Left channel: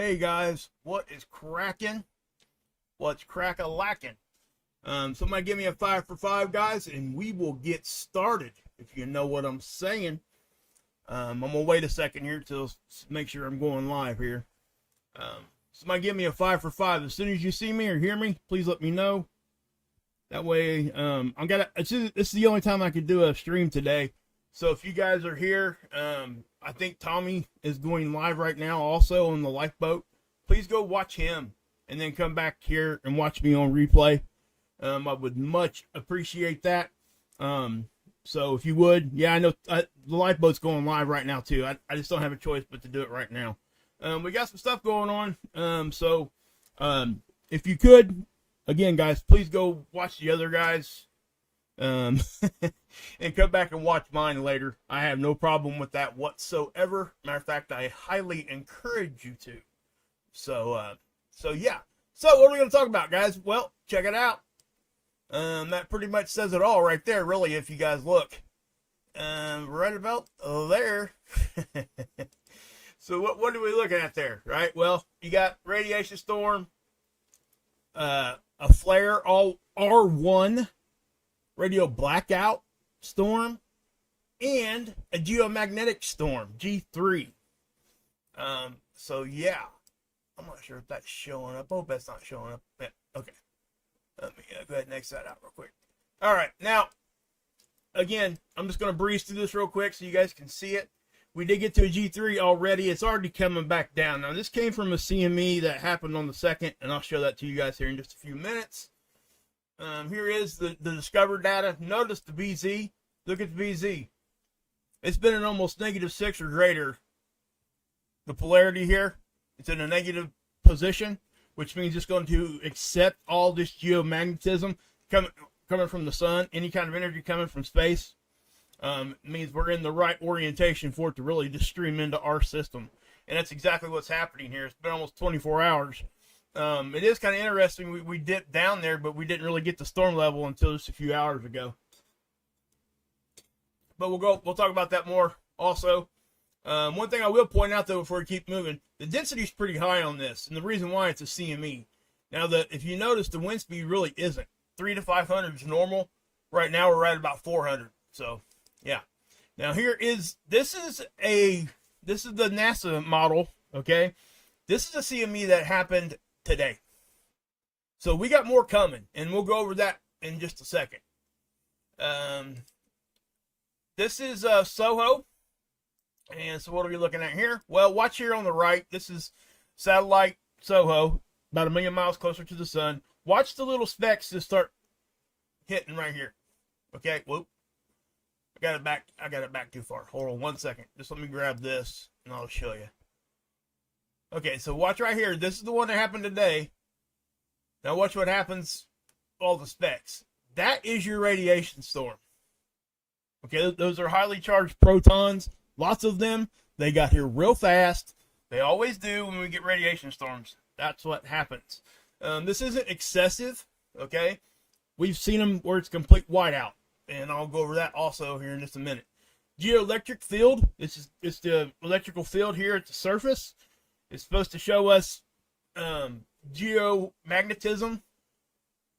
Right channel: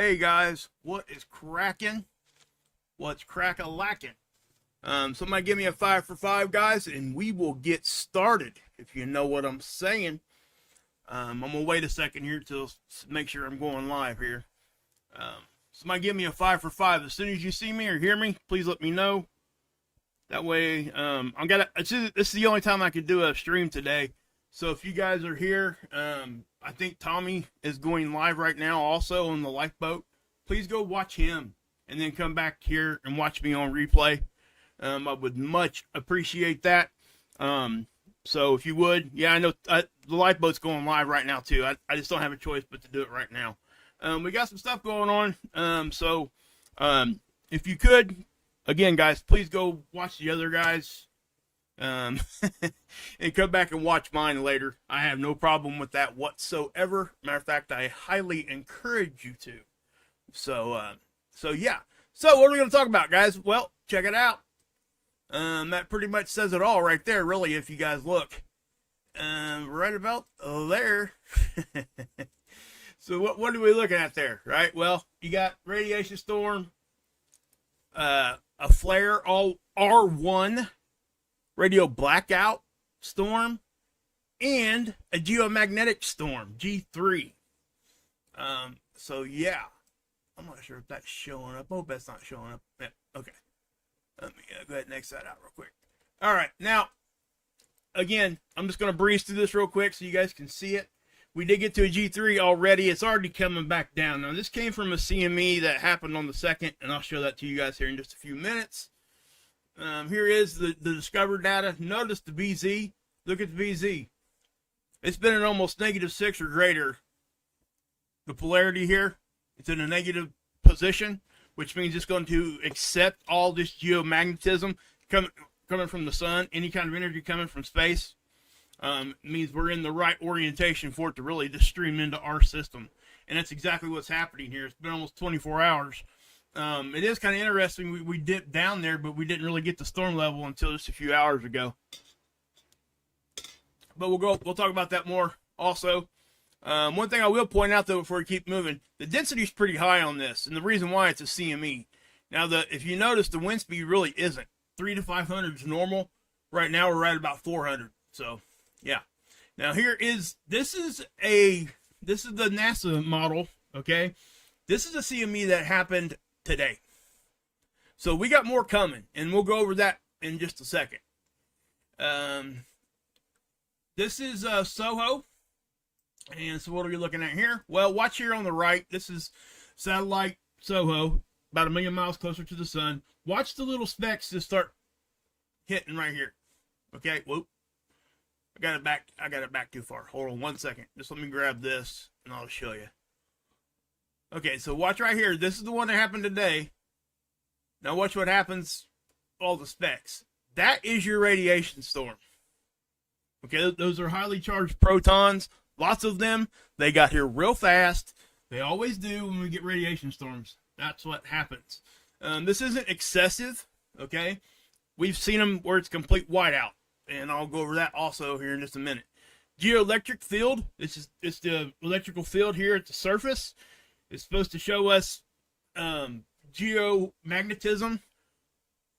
Hey guys, what is cracking? What's crack-a-lacking? Somebody give me a 5 for 5, guys, and we will get started, if you know what I'm saying. I'm going to wait a second here to make sure I'm going live here. Somebody give me a 5 for 5. As soon as you see me or hear me, please let me know. That way, this is the only time I can do a stream today. So if you guys are here, I think Tommy is going live right now also on the lifeboat. Please go watch him and then come back here and watch me on replay. I would much appreciate that. So if you would, yeah, I know the lifeboat's going live right now too. I just don't have a choice but to do it right now. We got some stuff going on. So if you could, again, guys, please go watch the other guys. And come back and watch mine later. I have no problem with that whatsoever. Matter of fact, I highly encourage you to. So yeah. So what are we going to talk about, guys? Well, check it out. That pretty much says it all right there, really, if you guys look. Right about there. So what are we looking at there, right? Well, you got radiation storm, a flare, all R1, radio blackout storm, and a geomagnetic storm, G3. So yeah, I'm not sure if that's showing up. I hope that's not showing up. Yeah, okay. Let me go ahead and X that out real quick. All right, now, again, I'm just going to breeze through this real quick so you guys can see it. We did get to a G3 already. It's already coming back down. Now, this came from a CME that happened on the 2nd, and I'll show that to you guys here in just a few minutes. Here is the discovered data. Notice the BZ. Look at the BZ. It's been at almost -6 or greater. The polarity here, it's in a negative position, which means it's going to accept all this geomagnetism coming from the sun, any kind of energy coming from space. Means we're in the right orientation for it to really just stream into our system. And that's exactly what's happening here. It's been almost 24 hours. It is kind of interesting. We dipped down there, but we didn't really get the storm level until just a few hours ago. But we'll talk about that more also. One thing I will point out though before we keep moving, the density is pretty high on this, and the reason why, it's a CME. Now if you notice, the wind speed really isn't. 300 to 500 is normal. Right now we're right about 400. So yeah. Now this is the NASA model. Okay, this is a CME that happened today. So we got more coming, and we'll go over that in just a second. This is SOHO. And so what are we looking at here? Well, watch here on the right. This is satellite SOHO, about 1 million miles closer to the sun. Watch the little specks just start hitting right here. Okay, whoop. I got it back too far. Hold on 1 second. Just let me grab this and I'll show you. Okay, so watch right here. This is the one that happened today. Now watch what happens, all the specks. That is your radiation storm. Okay, those are highly charged protons. Lots of them. They got here real fast. They always do when we get radiation storms. That's what happens. This isn't excessive, okay? We've seen them where it's complete whiteout, and I'll go over that also here in just a minute. Geoelectric field. It's the electrical field here at the surface. It's supposed to show us geomagnetism,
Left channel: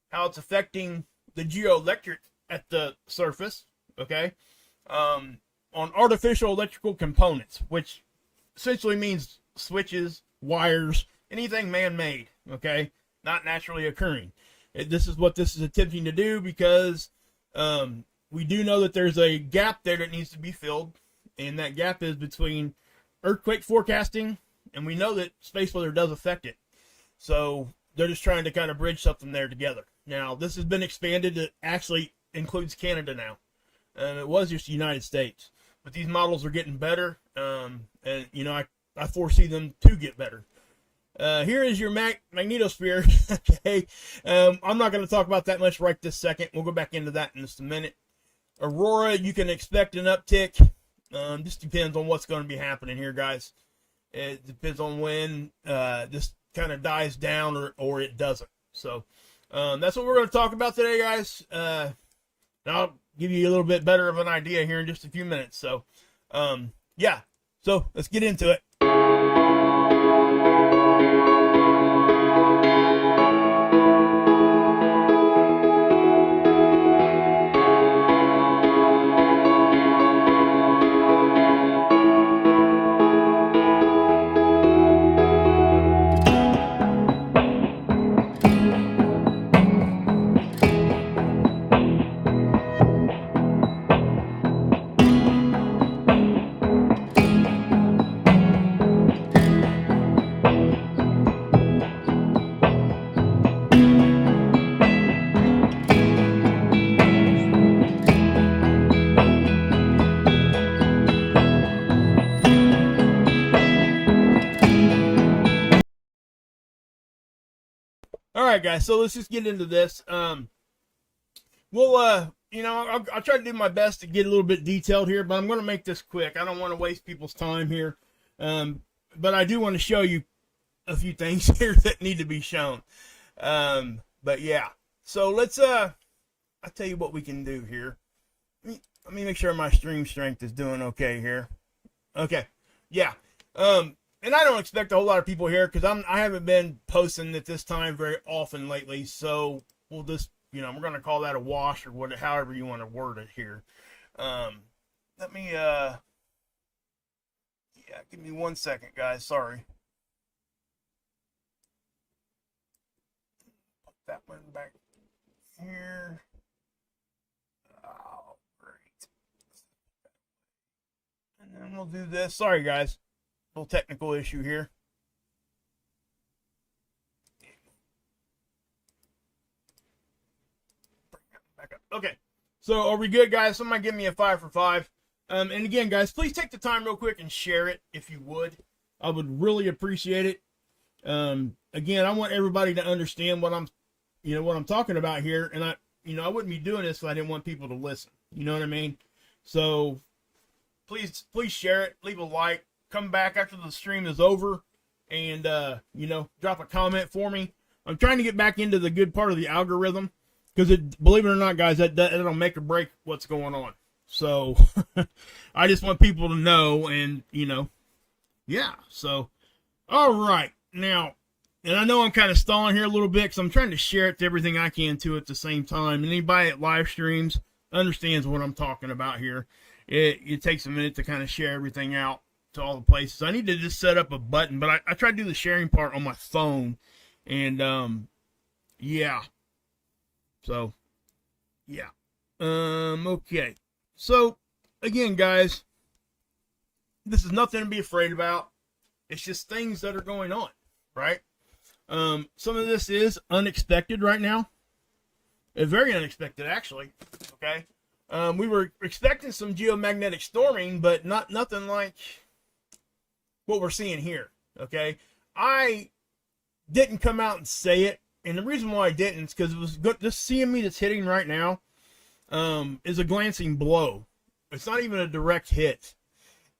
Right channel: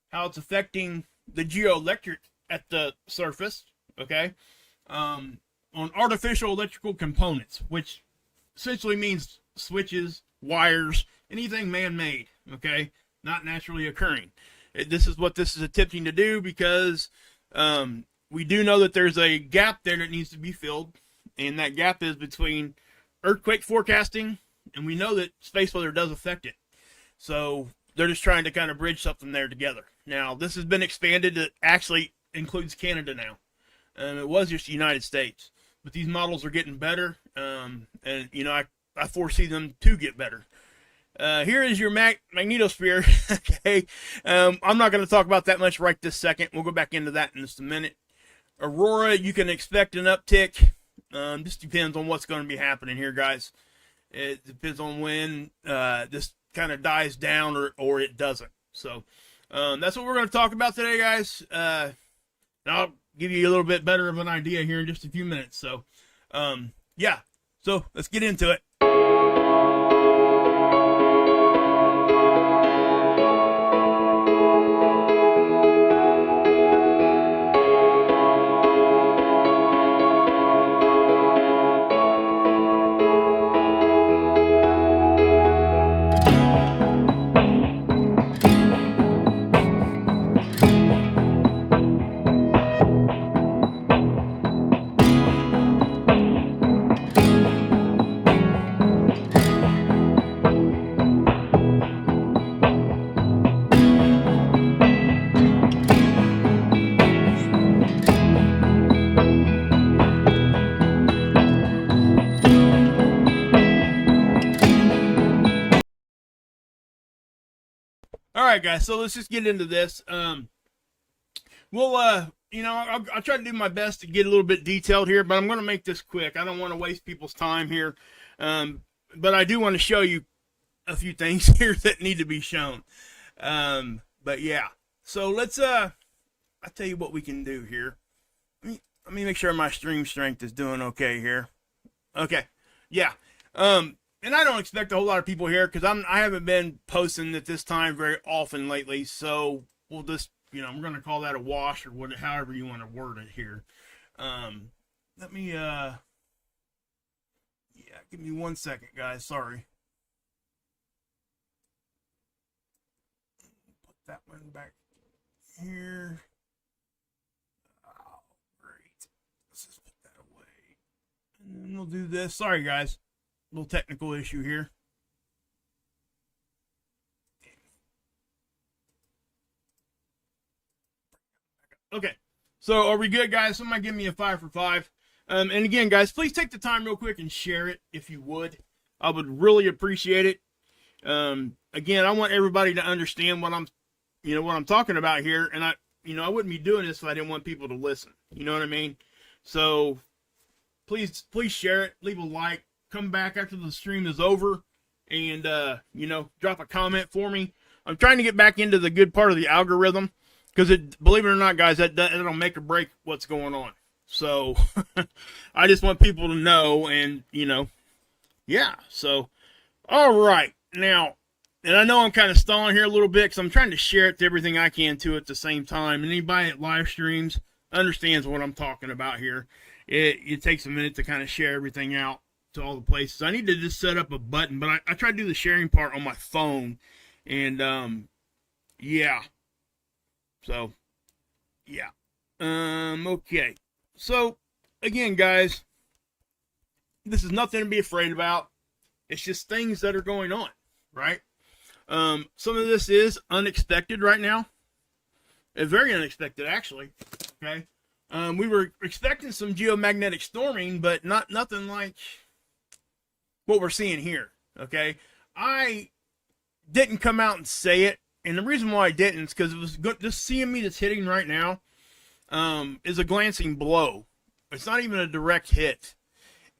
how it's affecting the geoelectric at the surface, okay? On artificial electrical components, which essentially means switches, wires, anything man-made, okay? Not naturally occurring. This is what this is attempting to do because we do know that there's a gap there that needs to be filled, and that gap is between earthquake forecasting, and we know that space weather does affect it. So they're just trying to kind of bridge something there together. Now, this has been expanded. It actually includes Canada now. It was just the United States. But these models are getting better, and, you know, I foresee them to get better. Here is your magnetosphere. Okay, I'm not going to talk about that much right this second. We'll go back into that in just a minute. Aurora, you can expect an uptick. Just depends on what's going to be happening here, guys. It depends on when this kind of dies down or it doesn't. So that's what we're going to talk about today, guys. I'll give you a little bit better of an idea here in just a few minutes. So, yeah. So let's get into it. All right, guys. So let's just get into this. I'll try to do my best to get a little bit detailed here, but I'm going to make this quick. I don't want to waste people's time here. But I do want to show you a few things here that need to be shown. But yeah, so let's, I'll tell you what we can do here. Let me make sure my stream strength is doing okay here. Okay. Yeah. And I don't expect a whole lot of people here because I haven't been posting at this time very often lately. So we'll just, we're going to call that a wash or whatever, however you want to word it here. Let me, yeah, give me 1 second, guys. Sorry. Put that one back here. Oh, great. Let's just put that away. And then we'll do this. Sorry, guys. Little technical issue here. Okay, so are we good, guys? Somebody give me a 5 for 5. And again, guys, please take the time real quick and share it if you would. I would really appreciate it. Again, I want everybody to understand what I'm talking about here, and I wouldn't be doing this if I didn't want people to listen. You know what I mean? So please share it, leave a like. Come back after the stream is over and, drop a comment for me. I'm trying to get back into the good part of the algorithm because, believe it or not, guys, that'll make or break what's going on. So I just want people to know and, yeah. So, all right. Now, and I know I'm kind of stalling here a little bit because I'm trying to share it to everything I can too at the same time. And anybody that live streams understands what I'm talking about here. It takes a minute to kind of share everything out to all the places. I need to just set up a button, but I try to do the sharing part on my phone, and yeah. So yeah. Okay. So again, guys, this is nothing to be afraid about. It's just things that are going on, right? Some of this is unexpected right now. It's very unexpected, actually. Okay. We were expecting some geomagnetic storming, but nothing like what we're seeing here. Okay, I didn't come out and say it, and the reason why I didn't is because it was good. This CME that's hitting right now is a glancing blow. It's not even a direct hit,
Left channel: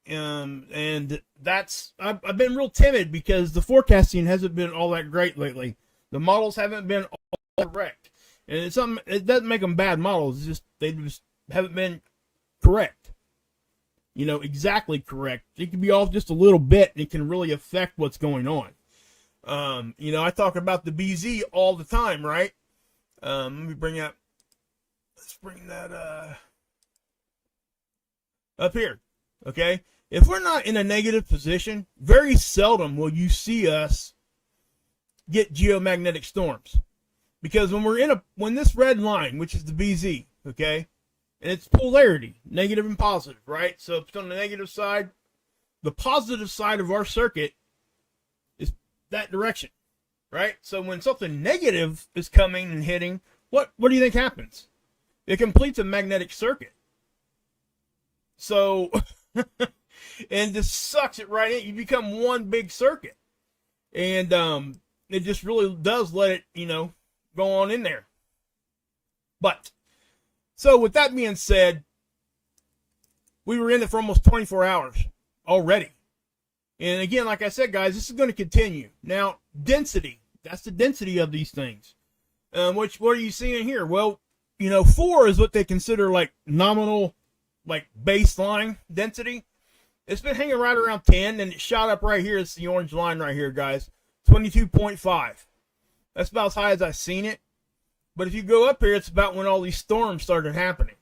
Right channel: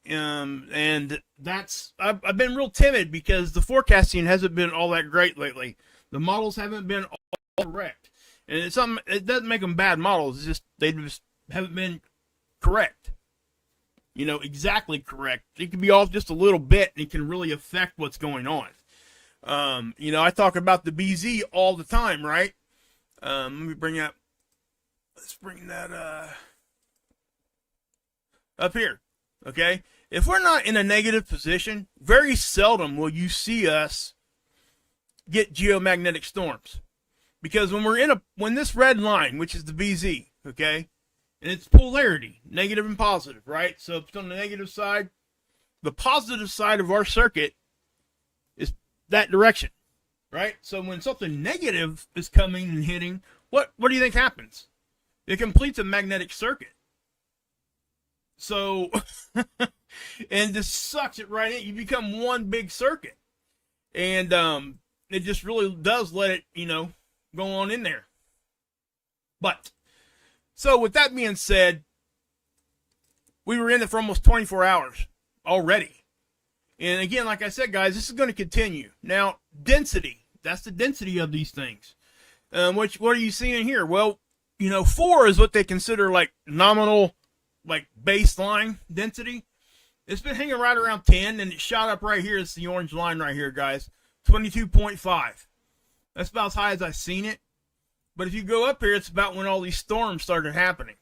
and that's I've been real timid because the forecasting hasn't been all that great lately. The models haven't been all correct, and it's something. It doesn't make them bad models. It's just they just haven't been correct. Exactly correct. It can be off just a little bit, and it can really affect what's going on. I talk about the BZ all the time, right? Let me let's bring that up here, okay? If we're not in a negative position, very seldom will you see us get geomagnetic storms. Because when this red line, which is the BZ, okay, and it's polarity, negative and positive, right? So if it's on the negative side, the positive side of our circuit is that direction, right? So when something negative is coming and hitting, what do you think happens? It completes a magnetic circuit. So, and this sucks it right in. You become one big circuit. And it just really does let it, go on in there. But, so with that being said, we were in it for almost 24 hours already. And again, like I said, guys, this is going to continue. Now, density. That's the density of these things. What are you seeing here? Well, 4 is what they consider like nominal, like baseline density. It's been hanging right around 10, and it shot up right here. It's the orange line right here, guys. 22.5. That's about as high as I've seen it. But if you go up here, it's about when all these storms started happening.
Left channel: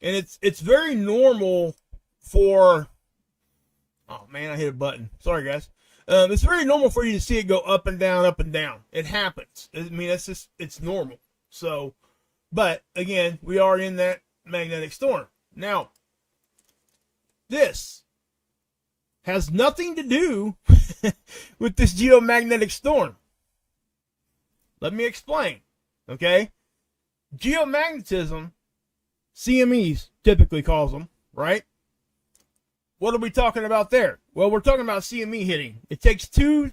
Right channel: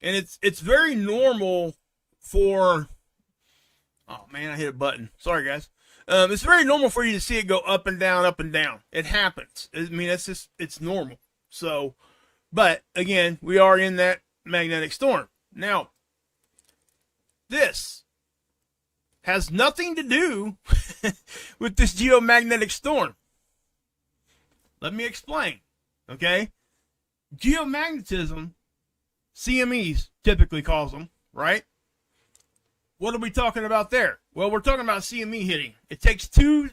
And it's very normal for... Oh, man, I hit a button. Sorry, guys. It's very normal for you to see it go up and down, up and down. It happens. I mean, it's normal. So, but, again, we are in that magnetic storm. Now, this has nothing to do with this geomagnetic storm. Let me explain. Okay? Geomagnetism, CMEs typically calls them, right? What are we talking about there? Well, we're talking about CME hitting. It takes two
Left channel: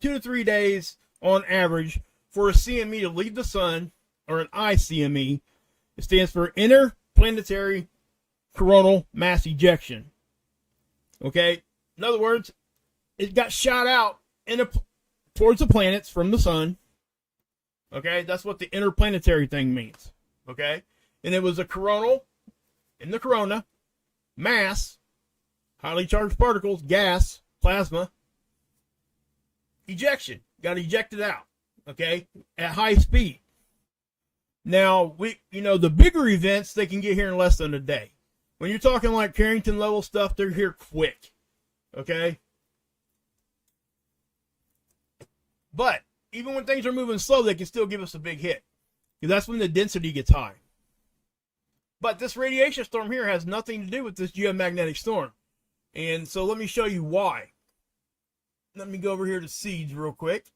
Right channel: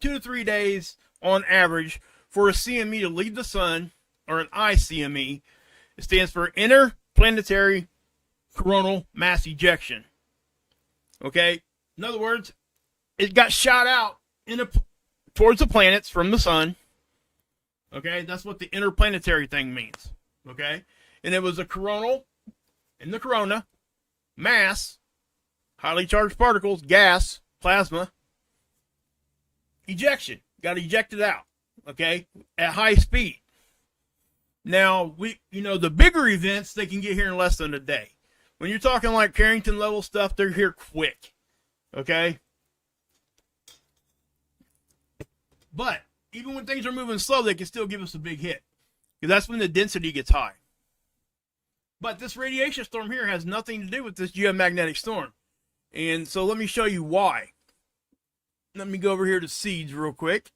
to 3 days on average for a CME to leave the sun, or an ICME, it stands for interplanetary coronal mass ejection. Okay? In other words, it got shot out towards the planets from the sun. Okay? That's what the interplanetary thing means. Okay? And it was a coronal, in the corona, mass, highly charged particles, gas, plasma, ejection. Got ejected out. Okay? At high speed. Now, the bigger events, they can get here in less than a day. When you're talking like Carrington level stuff, they're here quick. Okay? But even when things are moving slow, they can still give us a big hit. Because that's when the density gets high. But this radiation storm here has nothing to do with this geomagnetic storm. And so let me show you why. Let me go over here to seeds real quick.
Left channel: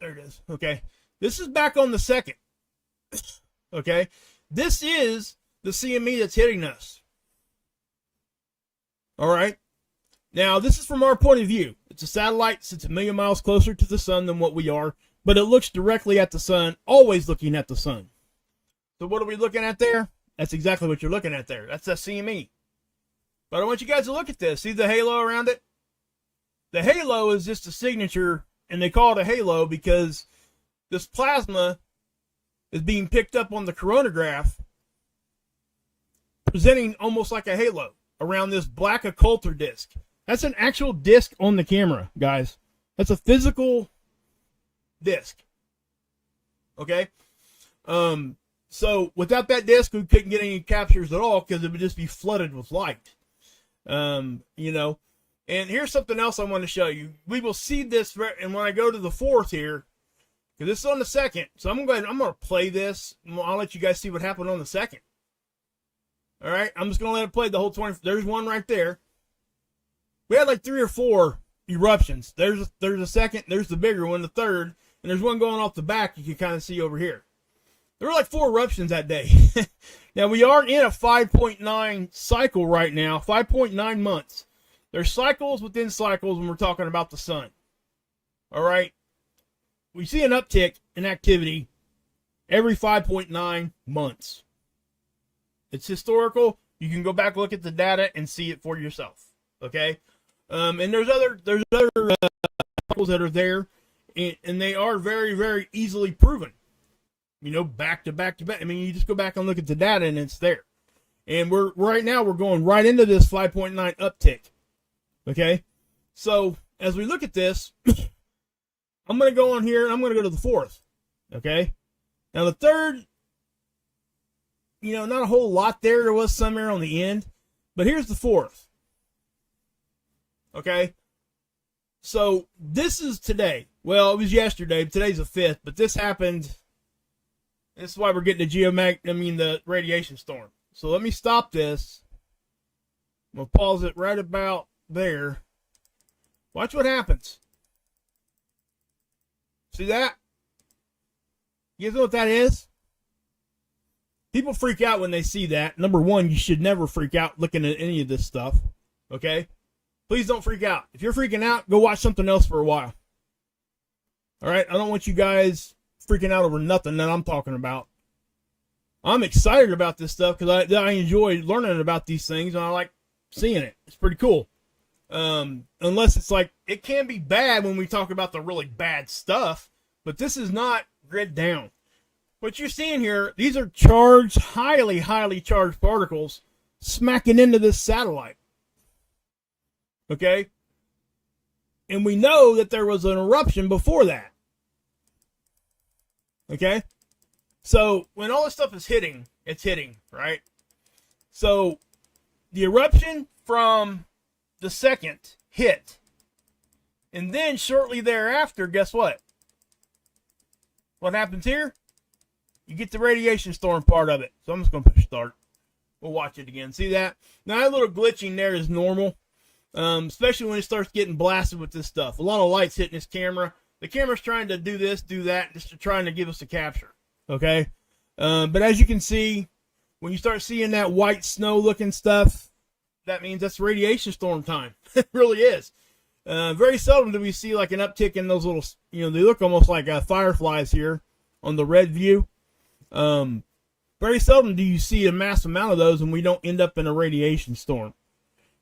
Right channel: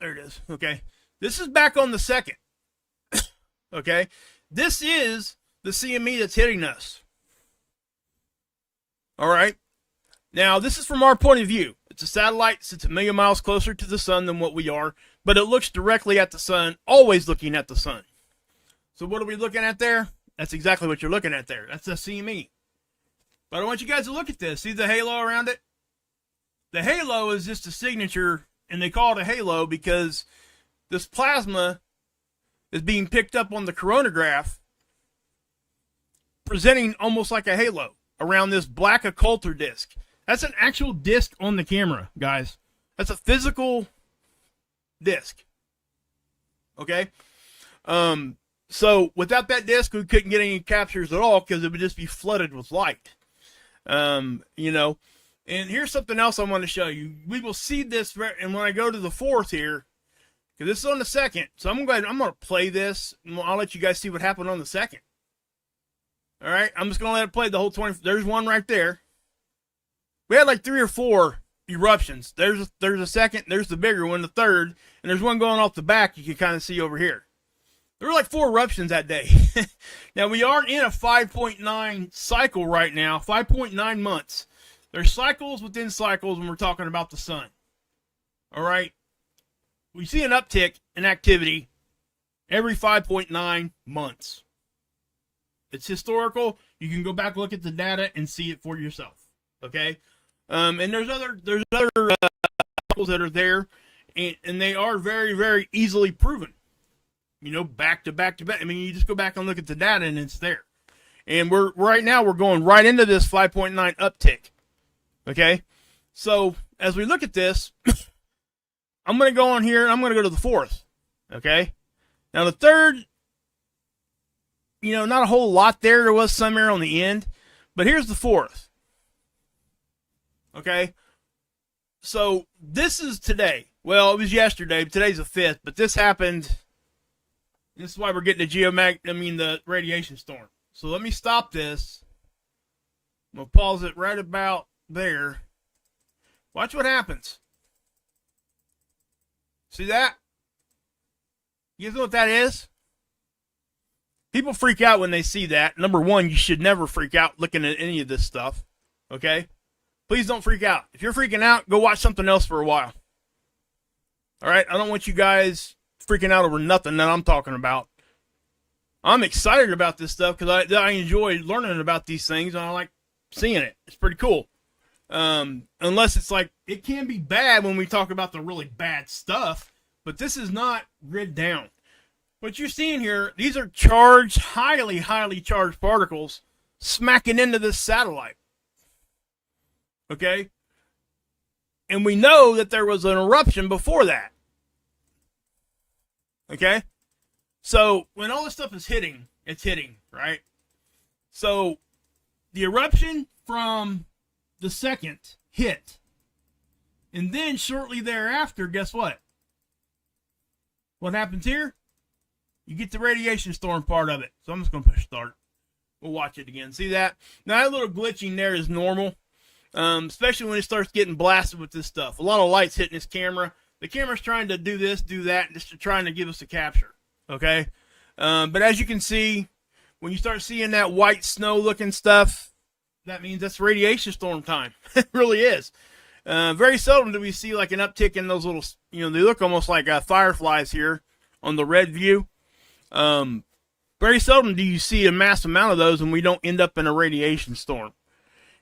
There it is. Okay. This is back on the 2nd. Okay. This is the CME that's hitting us. All right. Now, this is from our point of view. It's a satellite, sits a million miles closer to the sun than what we are, but it looks directly at the sun, always looking at the sun. So what are we looking at there? That's exactly what you're looking at there. That's the CME. But I want you guys to look at this. See the halo around it? The halo is just a signature, and they call it a halo because this plasma is being picked up on the coronagraph, presenting almost like a halo around this black occulter disc. That's an actual disc on the camera, guys. That's a physical disc. Okay? So without that disc, we couldn't get any captures at all because it would just be flooded with light. And here's something else I want to show you. We will see this, and when I go to the 4th here, because this is on the 2nd, so I'm going to play this, and I'll let you guys see what happened on the 2nd. All right, I'm just going to let it play the whole 20. There's one right there. We had like 3 or 4 eruptions. There's a 2nd, there's the bigger one, the 3rd, and there's one going off the back you can kind of see over here. There were like 4 eruptions that day. Now, we are in a 5.9 cycle right now, 5.9 months. There's cycles within cycles when we're talking about the sun. All right? We see an uptick in activity every 5.9 months. It's historical. You can go back, look at the data, and see it for yourself. Okay? And there's other cycles that are there, and they are very, very easily proven. Back to back to back. I mean, you just go back and look at the data, and it's there. And right now we're going right into this 5.9 uptick. Okay? So, as we look at this, I'm going to go on here, and I'm going to go to the 4th. Okay? Now, the 3rd, not a whole lot there. There was some air on the end. But here's the 4th. Okay? So, this is today. Well, it was yesterday. Today's the 5th. But this happened. This is why we're getting the radiation storm. So, let me stop this. I'm going to pause it right about there. Watch what happens. See that? You guys know what that is? People freak out when they see that. Number one, you should never freak out looking at any of this stuff. Okay? Please don't freak out. If you're freaking out, go watch something else for a while. All right? I don't want you guys freaking out over nothing that I'm talking about. I'm excited about this stuff because I enjoy learning about these things, and I like seeing it. It's pretty cool. Unless it's like, it can be bad when we talk about the really bad stuff, but this is not grid down. What you're seeing here, these are charged, highly, highly charged particles smacking into this satellite. Okay? And we know that there was an eruption before that. Okay? So, when all this stuff is hitting, it's hitting, right? So, the eruption from the 2nd hit. And then, shortly thereafter, guess what? What happens here? You get the radiation storm part of it. So, I'm just going to push start. We'll watch it again. See that? Now, that little glitching there is normal. Especially when it starts getting blasted with this stuff. A lot of lights hitting this camera. The camera's trying to do this, do that, just trying to give us a capture. Okay? But as you can see, when you start seeing that white snow looking stuff, that means that's radiation storm time. It really is. Very seldom do we see like an uptick in those little, they look almost like fireflies here on the red view. Very seldom do you see a mass amount of those when we don't end up in a radiation storm.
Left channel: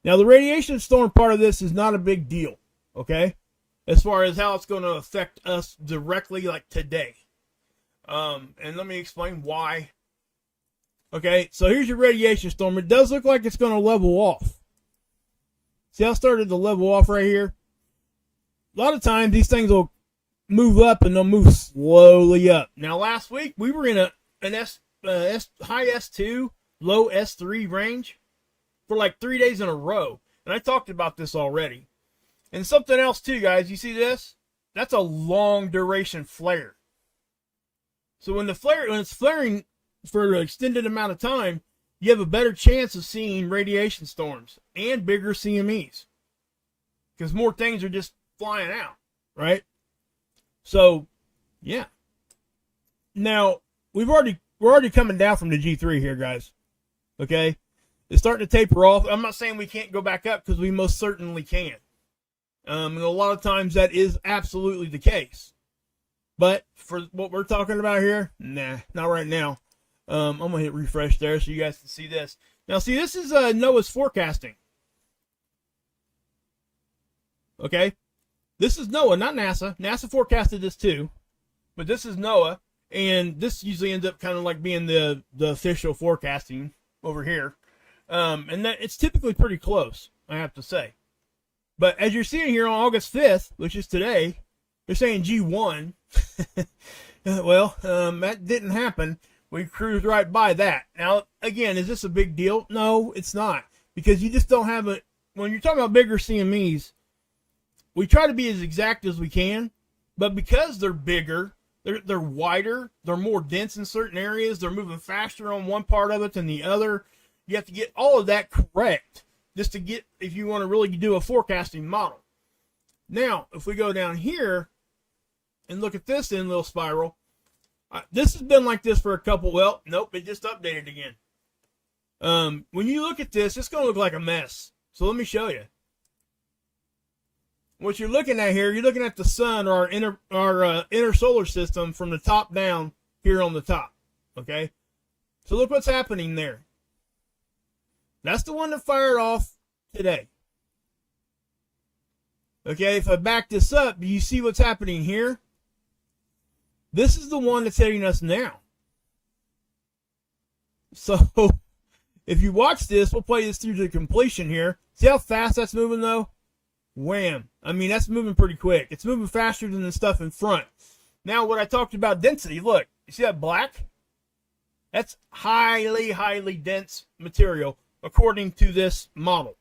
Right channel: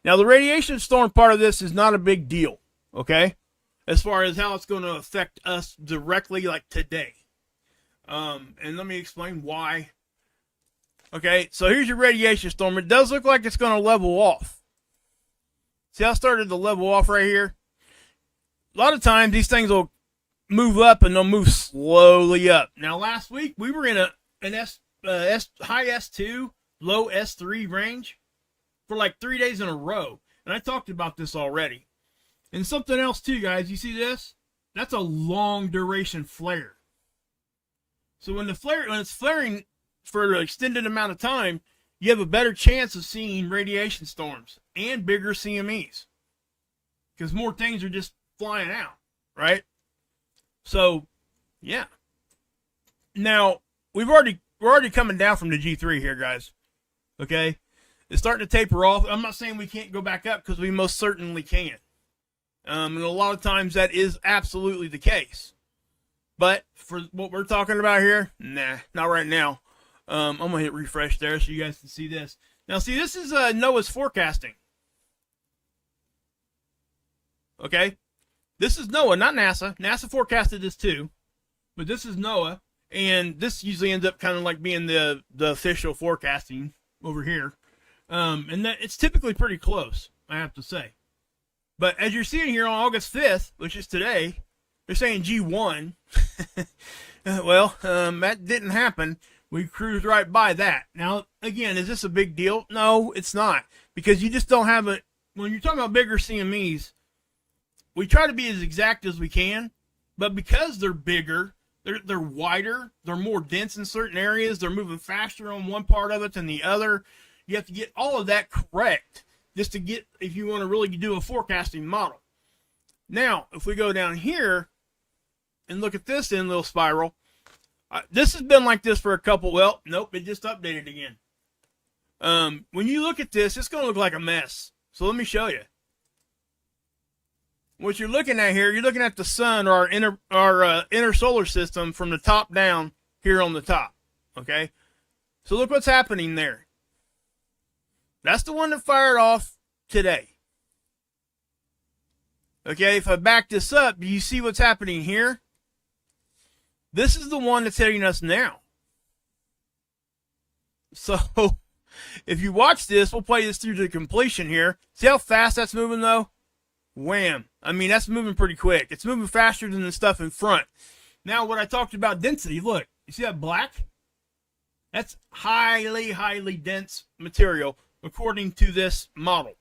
Now, the radiation storm part of this is not a big deal, okay, as far as how it's going to affect us directly, like today. And let me explain why. Okay, so here's your radiation storm. It does look like it's going to level off. See how it started to level off right here? A lot of times these things will move up and they'll move slowly up. Now, last week we were in an high S2, low S3 range for like 3 days in a row. And I talked about this already. And something else too, guys. You see this? That's a long duration flare. So when it's flaring for an extended amount of time, you have a better chance of seeing radiation storms and bigger CMEs because more things are just flying out, right? So, yeah. Now, we're already coming down from the G3 here, guys. Okay? It's starting to taper off. I'm not saying we can't go back up because we most certainly can. And a lot of times that is absolutely the case. But for what we're talking about here, nah, not right now. I'm going to hit refresh there so you guys can see this. Now, see, this is NOAA's forecasting. Okay? This is NOAA, not NASA. NASA forecasted this too. But this is NOAA. And this usually ends up kind of like being the official forecasting over here. And that it's typically pretty close, I have to say. But as you're seeing here on August 5th, which is today, they're saying G1. Well, that didn't happen. We cruised right by that. Now, again, is this a big deal? No, it's not. Because you just don't have it. When you're talking about bigger CMEs, we try to be as exact as we can. But because they're bigger, they're wider, they're more dense in certain areas, they're moving faster on one part of it than the other. You have to get all of that correct just to get, if you want to really do a forecasting model. Now, if we go down here and look at this in little spiral, this has been like this for a couple, well, nope, it just updated again. When you look at this, it's going to look like a mess. So let me show you. What you're looking at here, you're looking at the sun or our inner solar system from the top down here on the top. Okay? So look what's happening there. That's the one that fired off today. Okay, if I back this up, do you see what's happening here? This is the one that's hitting us now. So, if you watch this, we'll play this through to completion here. See how fast that's moving, though? Wham. I mean, that's moving pretty quick. It's moving faster than the stuff in front. Now, what I talked about density, look. You see that black? That's highly, highly dense material, according to this model.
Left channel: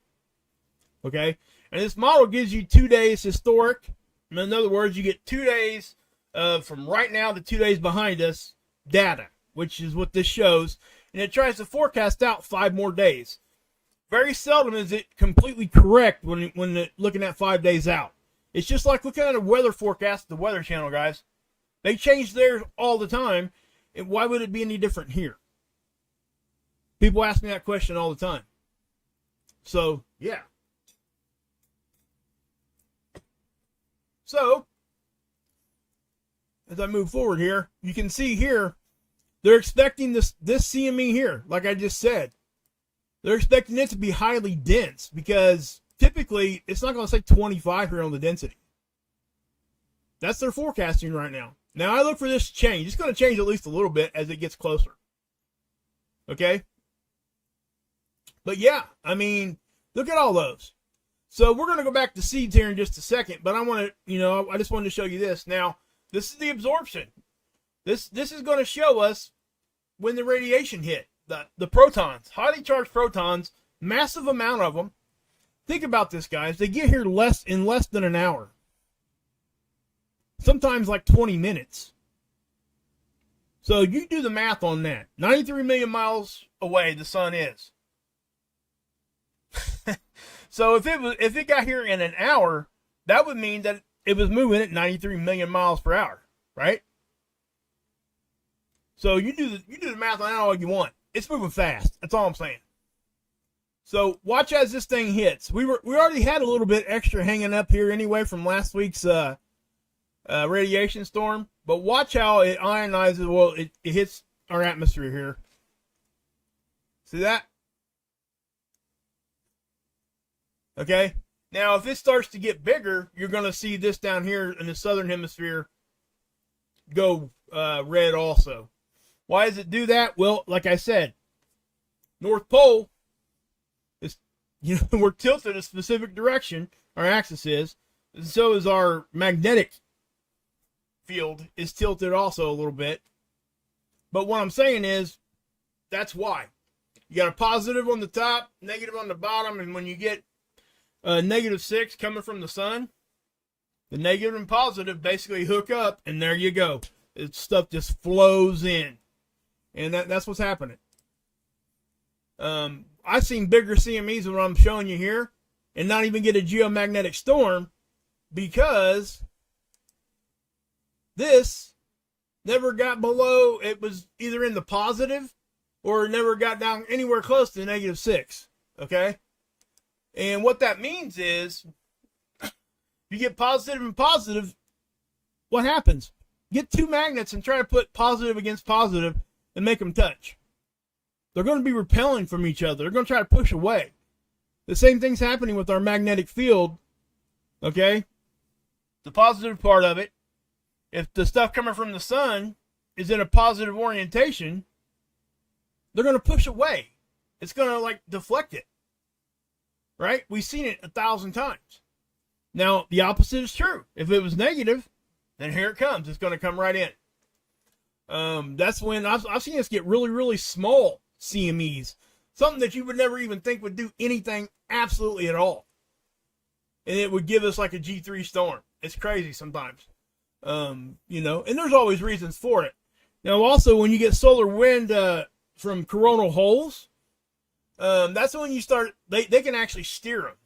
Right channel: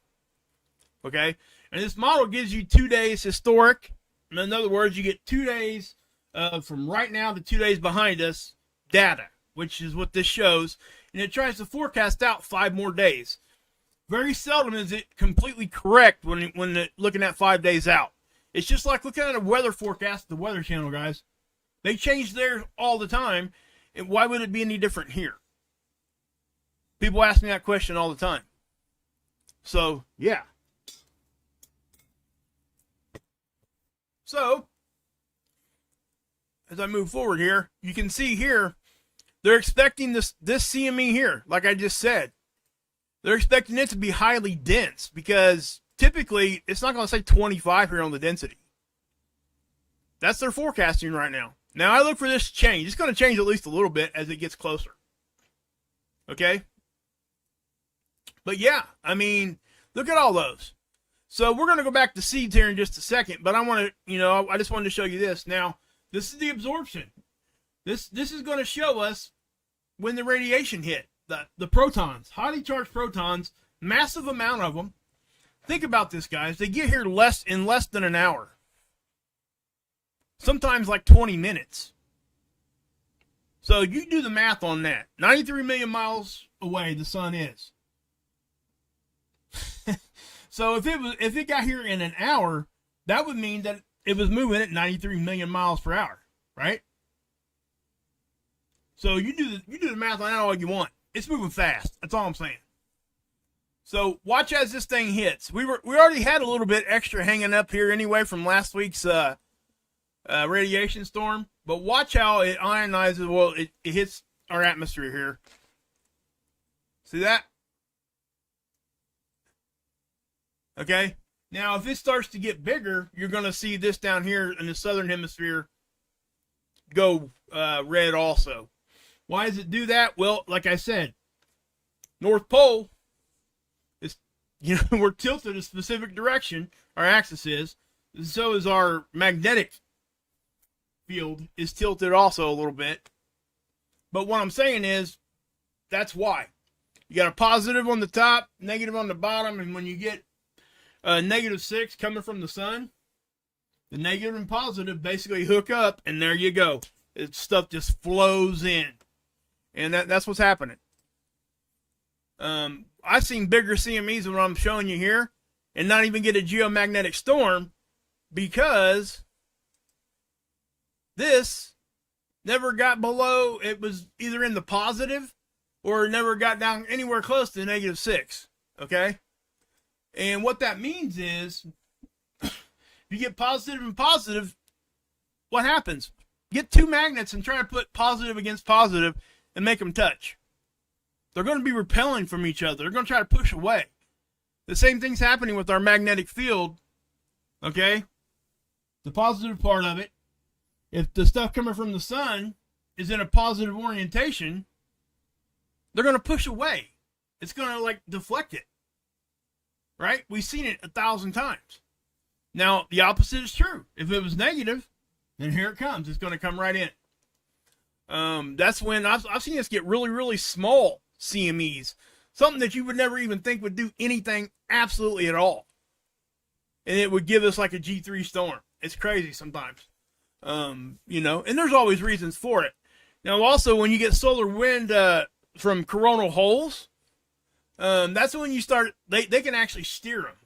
Okay? And this model gives you 2 days historic. In other words, you get 2 days from right now to 2 days behind us data, which is what this shows. And it tries to forecast out 5 more days. Very seldom is it completely correct when looking at 5 days out. It's just like looking at a weather forecast at the Weather Channel, guys. They change theirs all the time. And why would it be any different here? People ask me that question all the time. So, yeah. So, as I move forward here, you can see here, they're expecting this CME here, like I just said. They're expecting it to be highly dense because typically it's not going to say 25 here on the density. That's their forecasting right now. Now, I look for this to change. It's going to change at least a little bit as it gets closer. Okay? But yeah, I mean, look at all those. So we're going to go back to seeds here in just a second, but I just wanted to show you this. Now, this is the absorption. This is going to show us when the radiation hit. The protons, highly charged protons, massive amount of them. Think about this, guys. They get here in less than an hour. Sometimes like 20 minutes. So you do the math on that. 93 million miles away the sun is. So if it got here in an hour, that would mean that it was moving at 93 million miles per hour, right? So you do the math on that all you want. It's moving fast. That's all I'm saying. So watch as this thing hits. We already had a little bit extra hanging up here anyway from last week's radiation storm, but watch how it ionizes. Well, it hits our atmosphere here. See that? Okay. Now, if it starts to get bigger, you're going to see this down here in the southern hemisphere go red also. Why does it do that? Well, like I said, North Pole is, we're tilted a specific direction. Our axis is. And so is our magnetic field is tilted also a little bit. But what I'm saying is, that's why. You got a positive on the top, negative on the bottom, and when you get -6 coming from the sun, the negative and positive basically hook up, and there you go. Stuff just flows in, and that's what's happening. I've seen bigger CMEs than what I'm showing you here, and not even get a geomagnetic storm because this never got below. It was either in the positive or never got down anywhere close to -6. Okay. And what that means is, you get positive and positive, what happens? Get two magnets and try to put positive against positive and make them touch. They're going to be repelling from each other. They're going to try to push away. The same thing's happening with our magnetic field, okay? The positive part of it, if the stuff coming from the sun is in a positive orientation, they're going to push away. It's going to, like, deflect it. Right? We've seen it 1,000 times. Now, the opposite is true. If it was negative, then here it comes. It's going to come right in. That's when I've seen us get really, really small CMEs. Something that you would never even think would do anything absolutely at all. And it would give us like a G3 storm. It's crazy sometimes. And there's always reasons for it. Now, also, when you get solar wind from coronal holes, that's when you start, they can actually steer them.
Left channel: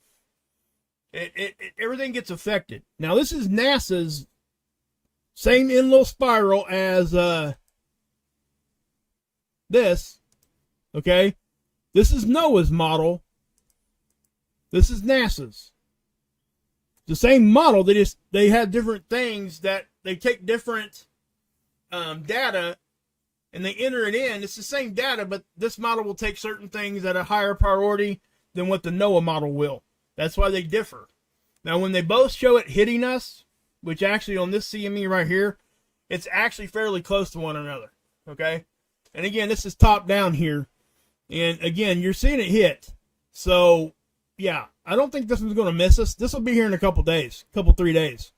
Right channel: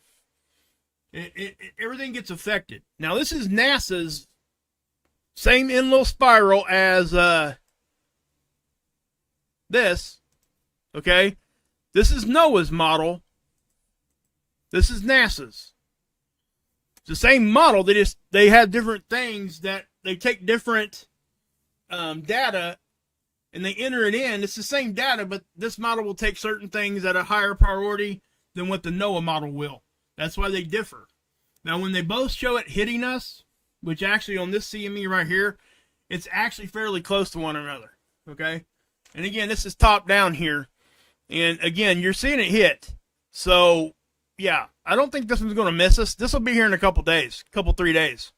Everything gets affected. Now, this is NASA's same Enlil spiral as this. Okay? This is NOAA's model. This is NASA's. It's the same model. They have different things that they take different data and they enter it in. It's the same data, but this model will take certain things at a higher priority than what the NOAA model will. That's why they differ. Now, when they both show it hitting us, which actually on this CME right here, it's actually fairly close to one another. Okay? And again, this is top down here. And again, you're seeing it hit. So, yeah, I don't think this one's going to miss us. This will be here in a couple days, 3 days.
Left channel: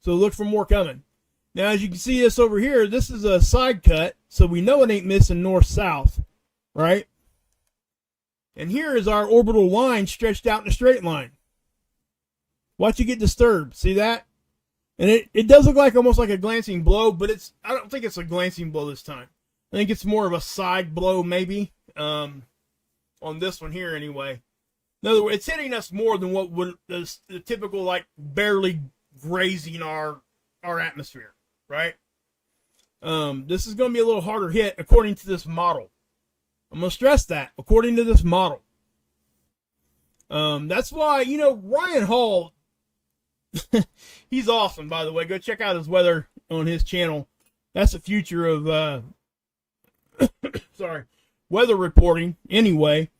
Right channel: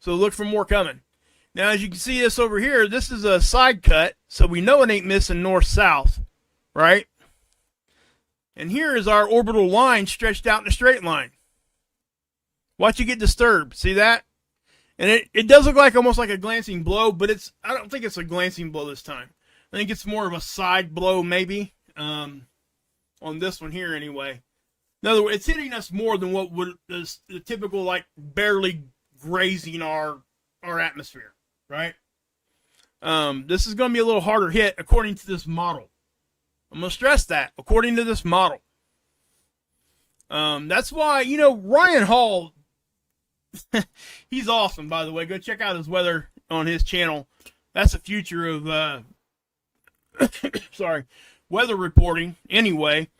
So look for more coming. Now, as you can see this over here, this is a side cut, so we know it ain't missing north-south, right? And here is our orbital line stretched out in a straight line. Watch it get disturbed. See that? And it does look like almost like a glancing blow, but I don't think it's a glancing blow this time. I think it's more of a side blow maybe, on this one here anyway. In other words, it's hitting us more than what would the typical, like, barely grazing our atmosphere. Right? This is going to be a little harder hit according to this model. I'm going to stress that, according to this model. That's why, Ryan Hall, he's awesome, by the way. Go check out his weather on his channel. That's the future of, weather reporting, anyway.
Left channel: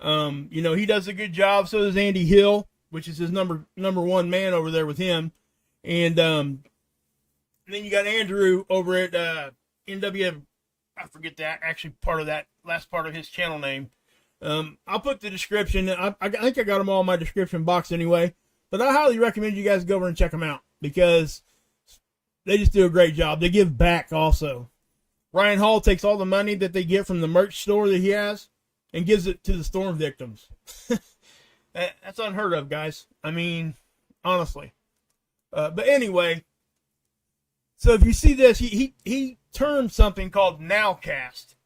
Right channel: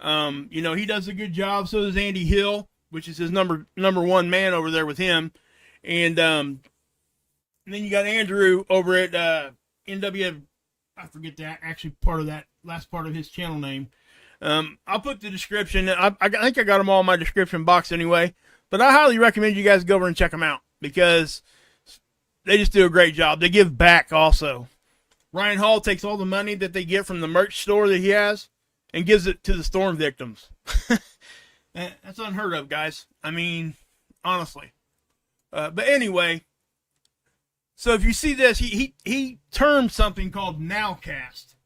He does a good job. So does Andy Hill, which is his number one man over there with him. And then you got Andrew over at NW. I forget that actually part of that last part of his channel name. I'll put the description. I think I got them all in my description box anyway. But I highly recommend you guys go over and check them out because they just do a great job. They give back also. Ryan Hall takes all the money that they get from the merch store that he has and gives it to the storm victims. That's unheard of, guys. I mean, honestly. But anyway. So if you see this, he termed something called nowcast.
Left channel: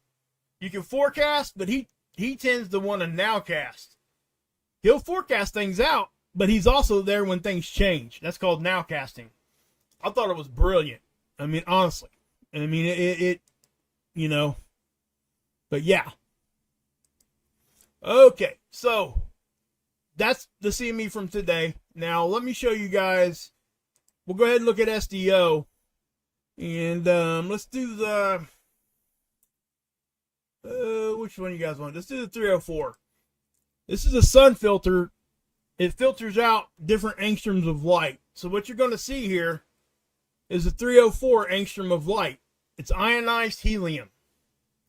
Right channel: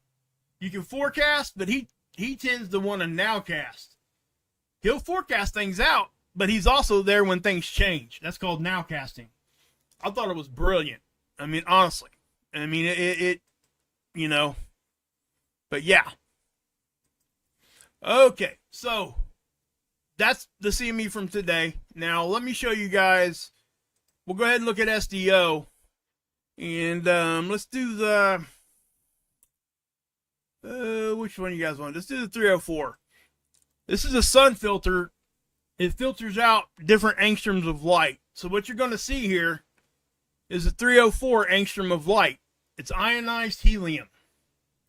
You can forecast, but he tends to want to nowcast. He'll forecast things out, but he's also there when things change. That's called nowcasting. I thought it was brilliant. I mean, honestly. I mean, but yeah. Okay, so that's the CME from today. Now let me show you guys. We'll go ahead and look at SDO, and let's do the which one you guys want? Let's do the 304. This is a sun filter. It filters out different angstroms of light. So what you're going to see here is a 304 angstrom of light. It's ionized helium.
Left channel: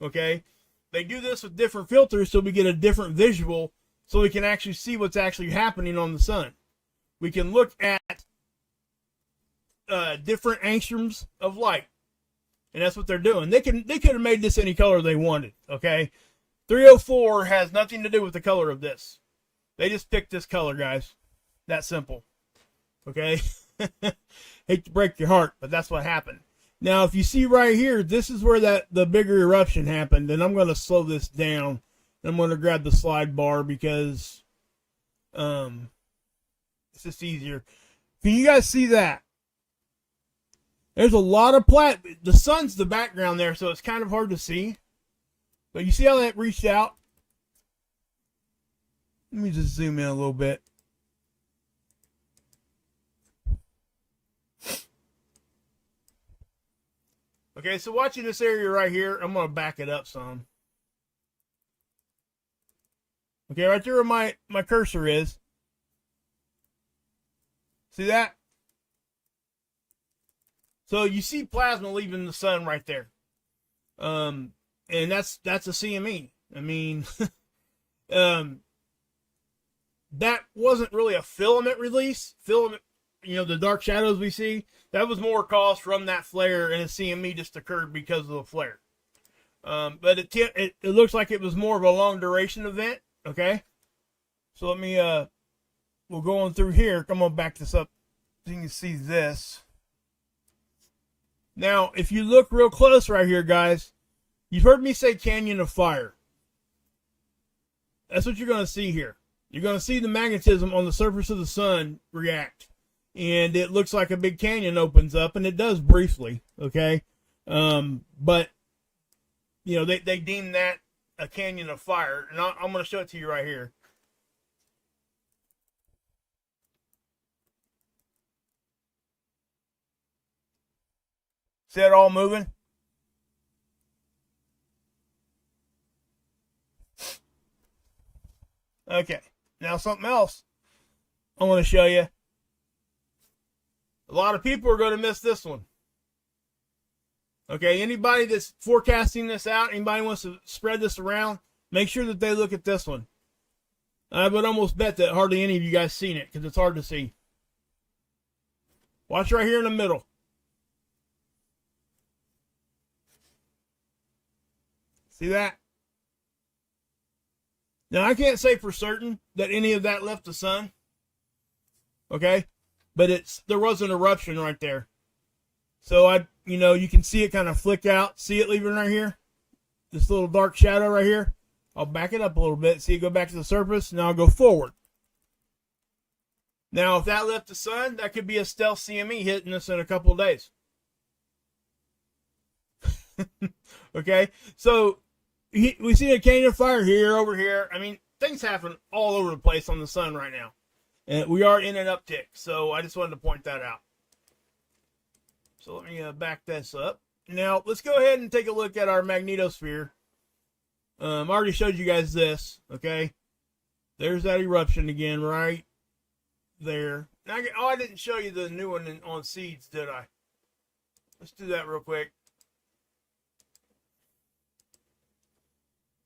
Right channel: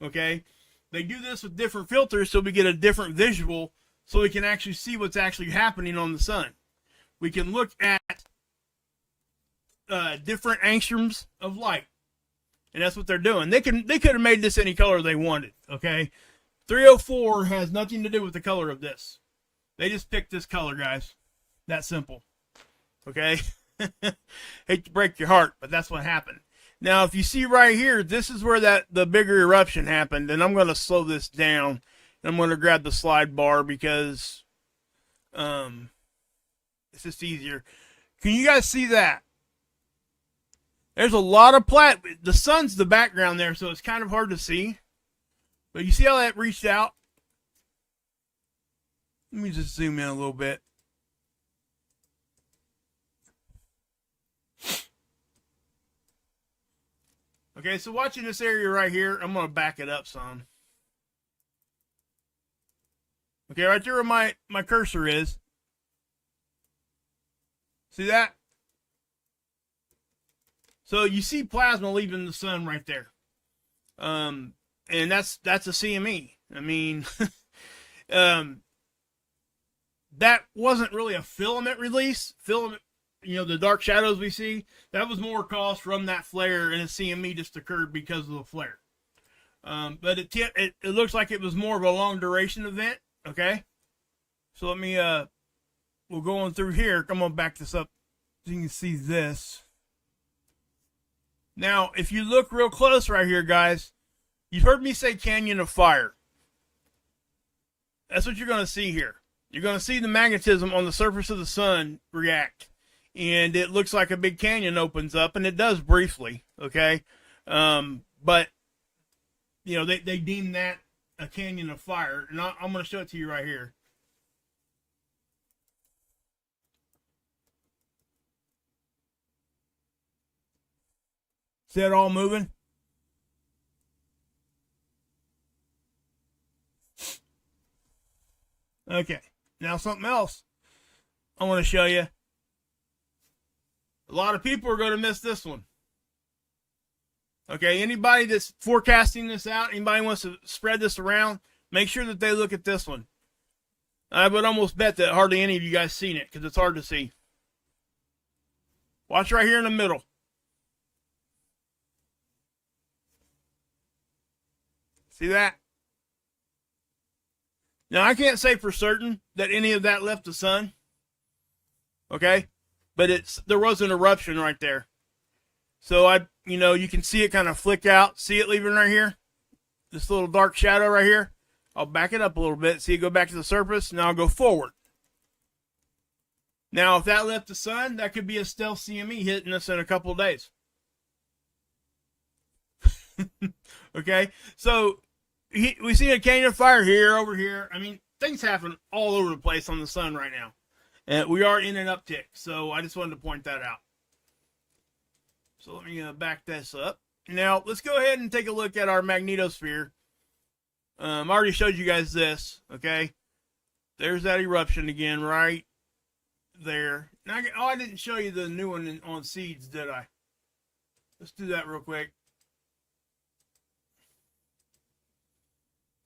Okay, they do this with different filters so we get a different visual, so we can actually see what's actually happening on the sun. We can look at different angstroms of light, and that's what they're doing. They could have made this any color they wanted. Okay, 304 has nothing to do with the color of this. They just picked this color, guys. That simple. Okay. Hate to break your heart, but that's what happened. Now, if you see right here, this is where the bigger eruption happened, and I'm going to slow this down. I'm going to grab the slide bar because it's just easier. Can you guys see that? There's a lot of the sun's the background there, so it's kind of hard to see. But you see how that reached out? Let me just zoom in a little bit. Okay, so watching this area right here, I'm going to back it up some. Okay, right there where my cursor is. See that? So you see plasma leaving the sun right there. And that's a CME. I mean, that wasn't really a filament release. Filament, the dark shadows we see, that was more caused from that flare, and a CME just occurred because of the flare. But it looks like it was more of a long duration event. Okay, so let me we'll go on through here. I'm gonna back this up so you can see this. Now, if you look real close right here, guys, you've heard me say canyon of fire. That's what you're gonna see here. You're gonna see the magnetism on the surface of the sun react, and it looks like a big canyon opens up, and it does briefly. Okay, but they deem that a canyon of fire, and I'm going to show it to you right here. See that all moving? Okay, now something else I want to show you. A lot of people are going to miss this one. Okay, anybody that's forecasting this out, anybody wants to spread this around, make sure that they look at this one. I would almost bet that hardly any of you guys seen it because it's hard to see. Watch right here in the middle. See that? Now, I can't say for certain that any of that left the sun. Okay? But there was an eruption right there. So you can see it kind of flick out. See it leaving right here? This little dark shadow right here. I'll back it up a little bit. See it go back to the surface. Now I'll go forward. Now, if that left the sun, that could be a stealth CME hitting us in a couple of days. Okay? So we see a canyon of fire here, over here. I mean, things happen all over the place on the sun right now. And we are in an uptick. So I just wanted to point that out. So let me back this up. Now, let's go ahead and take a look at our magnetosphere. I already showed you guys this, okay? There's that eruption again right there. Now, I didn't show you the new one on seeds, did I? Let's do that real quick.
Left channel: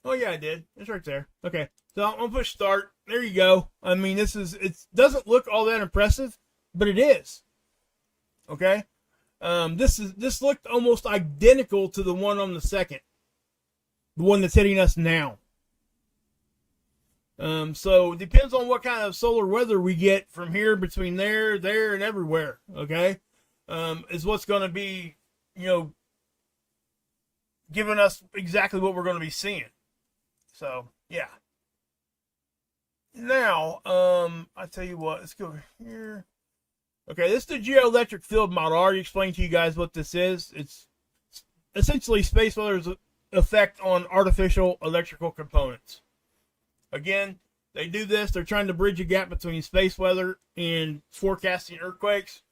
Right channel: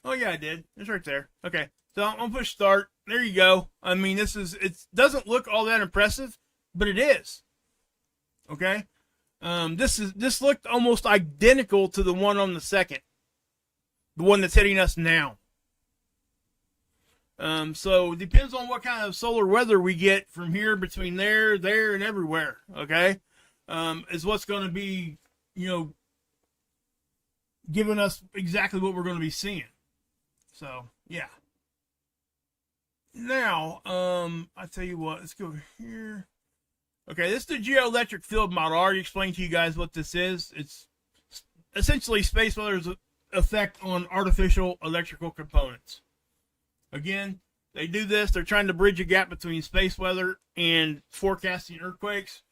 Oh, yeah, I did. It's right there. Okay, so I'm going to push start. There you go. I mean, it doesn't look all that impressive, but it is. Okay? This looked almost identical to the one on the second, the one that's hitting us now. So it depends on what kind of solar weather we get from here, between there, and everywhere. Okay, is what's going to be, giving us exactly what we're going to be seeing. So yeah. Now, I tell you what, let's go here. Okay, this is the geoelectric field model. I already explained to you guys what this is. It's essentially space weather's effect on artificial electrical components. Again, they do this. They're trying to bridge a gap between space weather and forecasting earthquakes.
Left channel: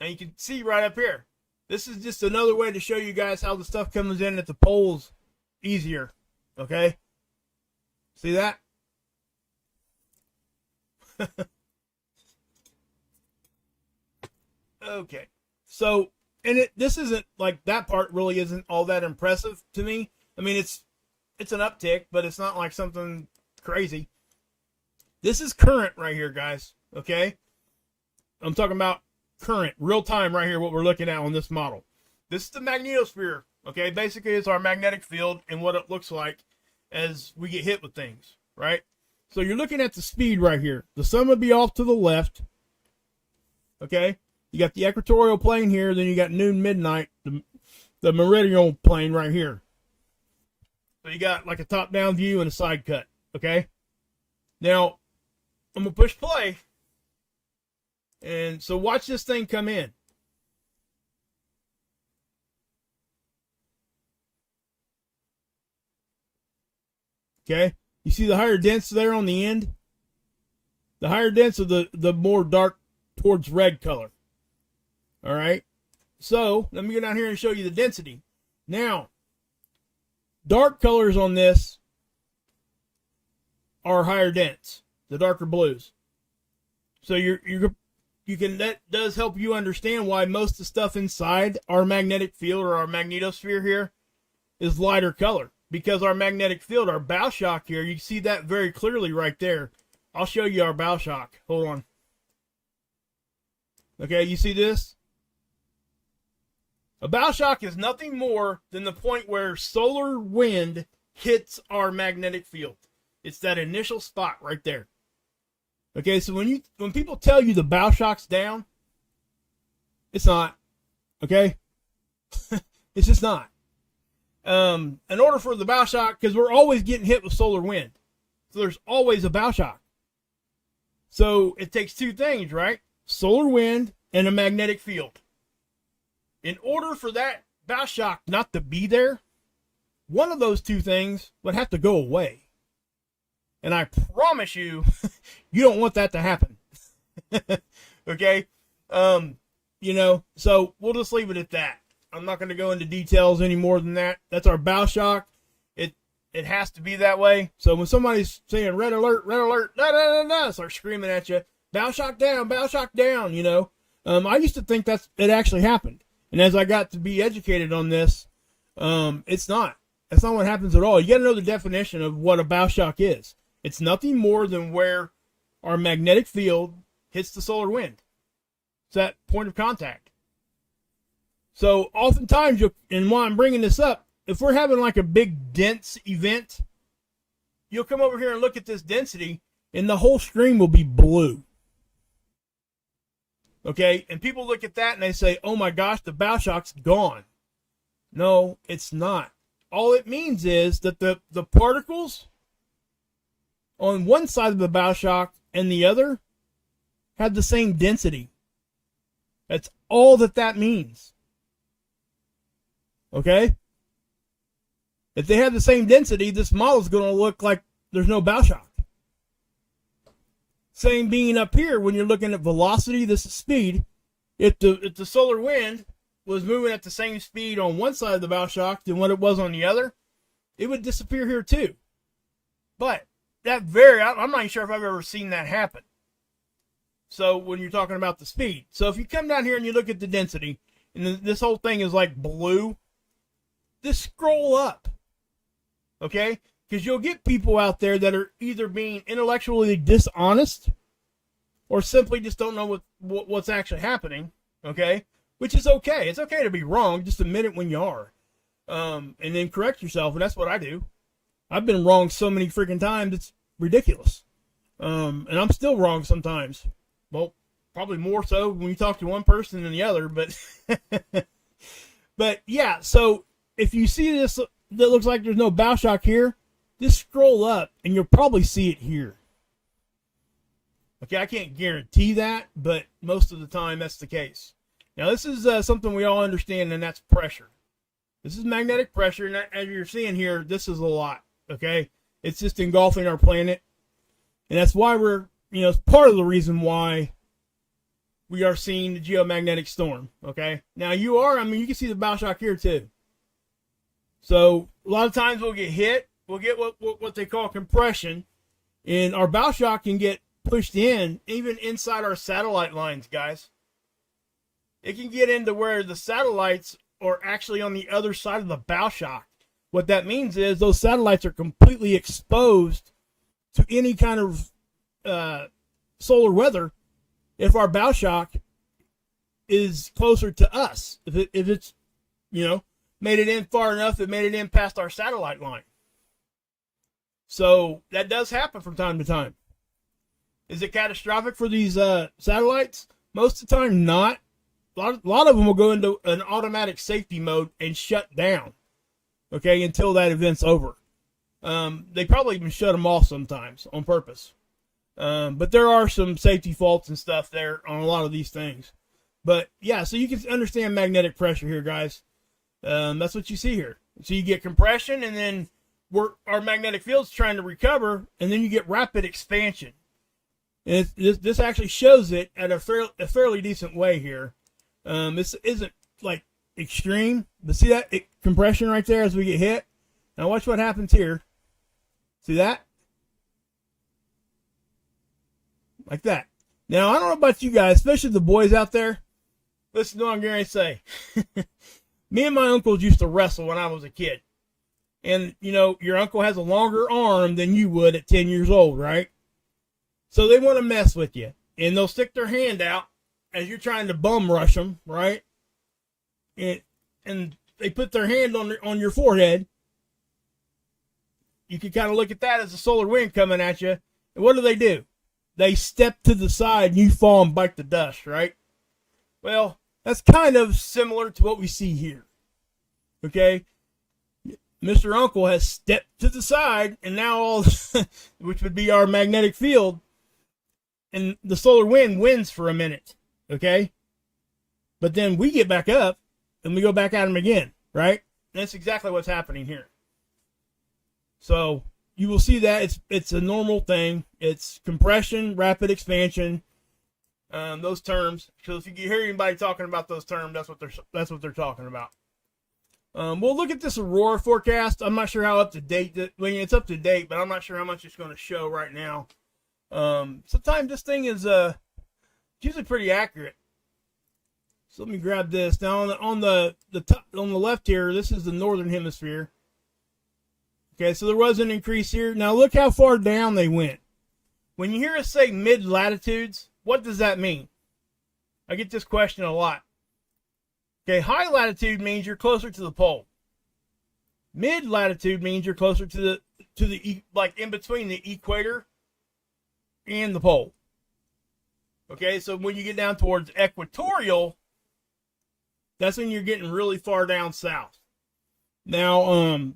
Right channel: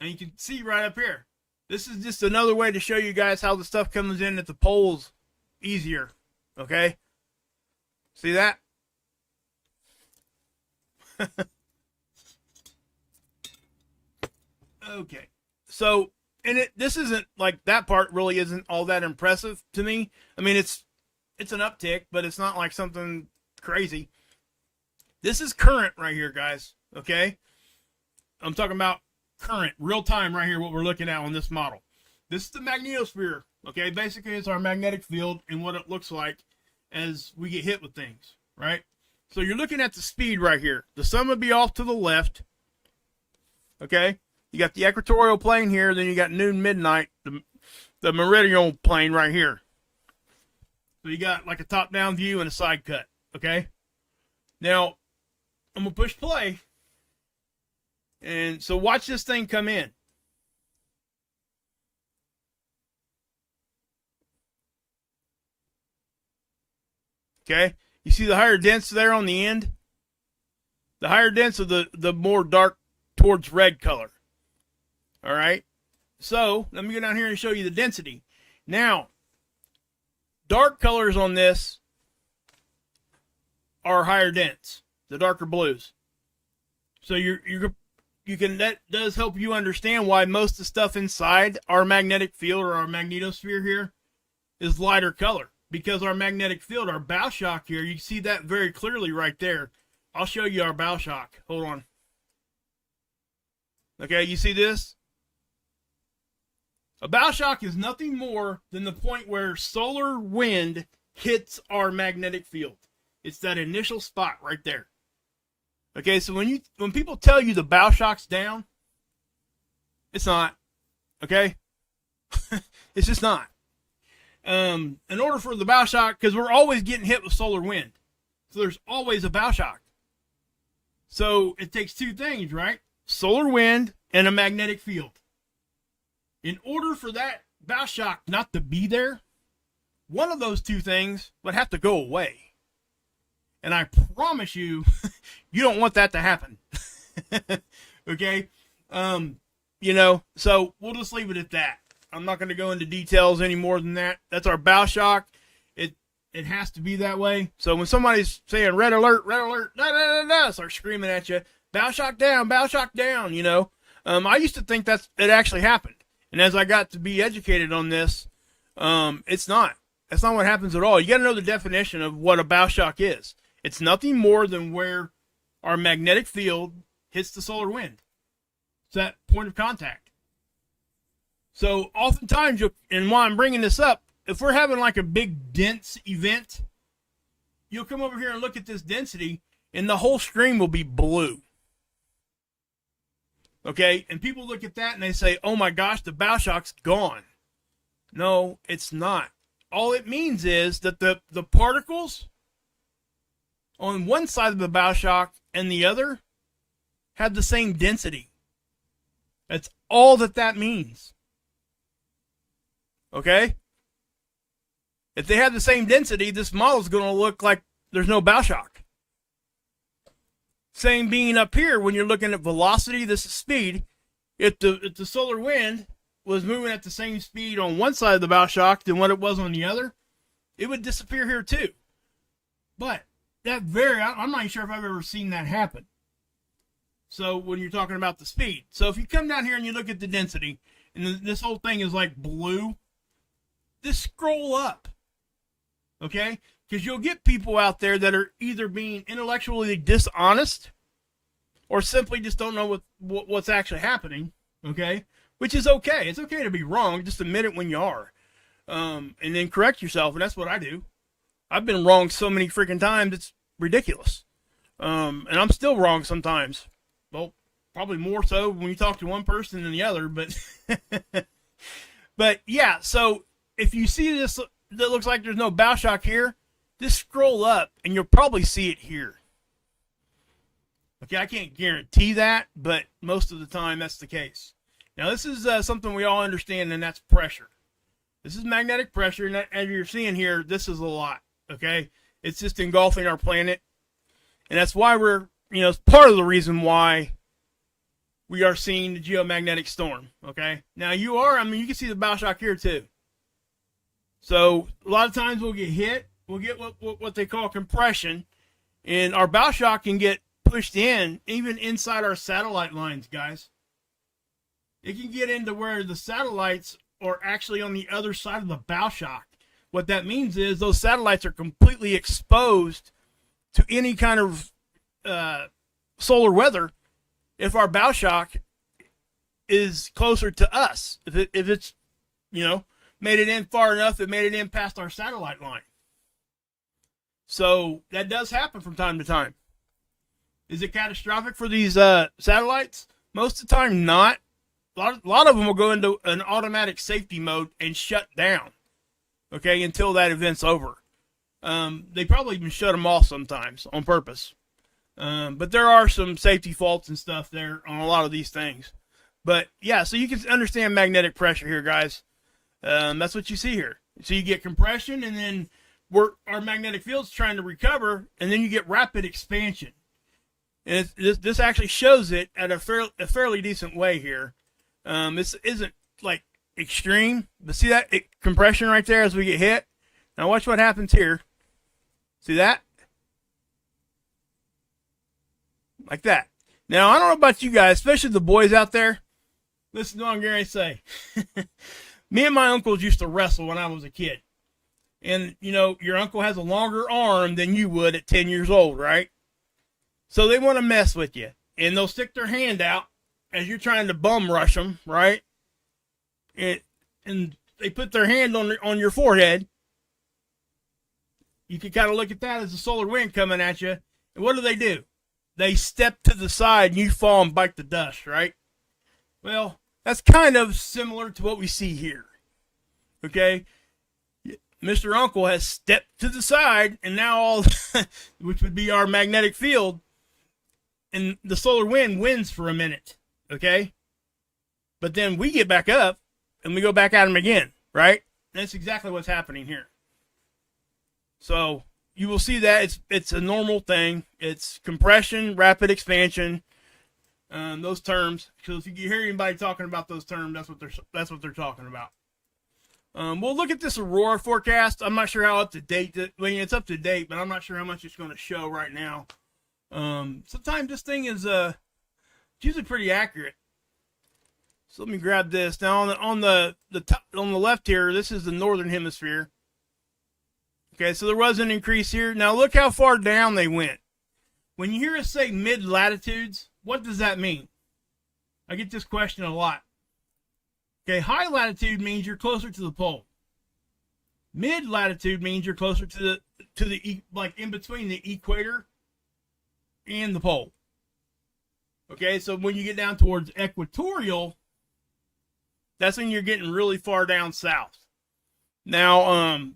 And you can see right up here. This is just another way to show you guys how the stuff comes in at the poles easier. Okay? See that? Okay. So, and this isn't like, that part really isn't all that impressive to me. I mean, it's an uptick, but it's not like something crazy. This is current right here, guys. Okay? I'm talking about current, real time right here, what we're looking at on this model. This is the magnetosphere. Okay? Basically, it's our magnetic field and what it looks like as we get hit with things, right? So you're looking at the speed right here. The sun would be off to the left. Okay? You got the equatorial plane here, then you got noon, midnight, the meridional plane right here. So you got like a top-down view and a side cut, okay? Now, I'm going to push play. And so watch this thing come in. Okay? You see the higher dense there on the end? The higher dense of the more dark towards red color. All right? So, let me go down here and show you the density. Now, dark colors on this are higher dense, the darker blues. So that does help you understand why most of the stuff inside our magnetic field or our magnetosphere here is lighter color. Because our magnetic field, our bow shock here, you see that very clearly right there. I'll show you our bow shock. Hold on. Okay, you see this? A bow shock is nothing more than the point where solar wind hits our magnetic field. It's that initial spot right there. Okay, so when people tell you the bow shock's down, it's not. Okay? It's just not. In order for the bow shock, because we're always getting hit with solar wind. So there's always a bow shock. So it takes two things, right? Solar wind and a magnetic field. In order for that bow shock not to be there, one of those two things would have to go away. And I promise you, you don't want that to happen. Okay? So we'll just leave it at that. I'm not going to go into details any more than that. That's our bow shock. It has to be that way. So when somebody's saying red alert, da, da, da, da, start screaming at you, bow shock down, I used to think it actually happened. And as I got to be educated on this, it's not. That's not what happens at all. You got to know the definition of what a bow shock is. It's nothing more than where our magnetic field hits the solar wind. It's that point of contact. So oftentimes, and while I'm bringing this up, if we're having like a big dense event, you'll come over here and look at this density, and the whole screen will be blue. Okay? And people look at that and they say, oh my gosh, the bow shock's gone. No, it's not. All it means is that the particles on one side of the bow shock and the other have the same density. That's all that means. Okay? If they have the same density, this model is going to look like there's no bow shock. Same being up here when you're looking at velocity, this is speed. If the solar wind was moving at the same speed on one side of the bow shock than what it was on the other, it would disappear here too. But I'm not even sure if I've ever seen that happen. So when you're talking about the speed. So if you come down here and you look at the density, and this whole thing is like blue, just scroll up. Okay? Because you'll get people out there that are either being intellectually dishonest or simply just don't know what's actually happening. Okay? Which is okay. It's okay to be wrong. Just admit it when you are. And then correct yourself. And that's what I do. I've been wrong so many freaking times, it's ridiculous. And I'm still wrong sometimes. Well, probably more so when you talk to one person than the other. But, but yeah, so if you see this that looks like there's no bow shock here, just scroll up and you'll probably see it here. Okay, I can't guarantee that, but most of the time that's the case. Now, this is something we all understand, and that's pressure. This is magnetic pressure, and as you're seeing here, this is a lot, okay? It's just engulfing our planet. And that's why it's part of the reason why we are seeing the geomagnetic storm. Okay. Now you can see the bow shock here too. So a lot of times we'll get hit. We'll get what they call compression. And our bow shock can get pushed in, even inside our satellite lines, guys. It can get into where the satellites are actually on the other side of the bow shock. What that means is those satellites are completely exposed to any kind of solar weather if our bow shock is closer to us. If it's, made it in far enough, it made it in past our satellite line. So that does happen from time to time. Is it catastrophic for these satellites? Most of the time, not. A lot of them will go into an automatic safety mode and shut down, okay, until that event's over. They probably even shut them off sometimes on purpose. But there are some safety faults and stuff there on a lot of these things. But, yeah, so you can understand magnetic pressure here, guys. That's what you see here. So you get compression, and then our magnetic field's trying to recover, and then you get rapid expansion. And this actually shows it at a fairly decent way here. This isn't like extreme, but see that compression right there as we get hit? Now watch what happens here. See that? Like that. Now, I don't know about you guys, especially the boys out there. Listen to what I'm going to say. Me and my uncles used to wrestle when I was a kid. And, your uncle has a longer arm than you would at 10 years old, right? So they want to mess with you. And they'll stick their hand out as you're trying to bum rush them, right? And they put their hand on your forehead. You can kind of look at that as a solar wind coming at you. And what do? They step to the side and you fall and bite the dust, right? Well, that's kind of similar to what we see here. Okay? Mr. Uncle has stepped to the side, and now which would be our magnetic field, and the solar wind wins for a minute. Okay? But then we get back up and we go back at him again, right? And that's exactly what's happening here. So you will see that it's a normal thing. It's compression, rapid expansion, those terms. Because if you hear anybody talking about those terms, that's what they're talking about. We'll look at this aurora forecast. I'm not sure how up to date. It's up to date, but I'm not sure how much it's going to show right now. Sometimes this thing is usually pretty accurate. So let me grab this. Now on the top, on the left here, this is the northern hemisphere. Okay, so there was an increase here. Now look how far down they went. When you hear us say mid-latitudes, what does that mean? I get this question a lot. Okay, high latitude means you're closer to the pole. Mid-latitude means you're closer to the like in between the equator and the pole. Okay, so when you get down towards equatorial, that's when you're getting really far down south. Now,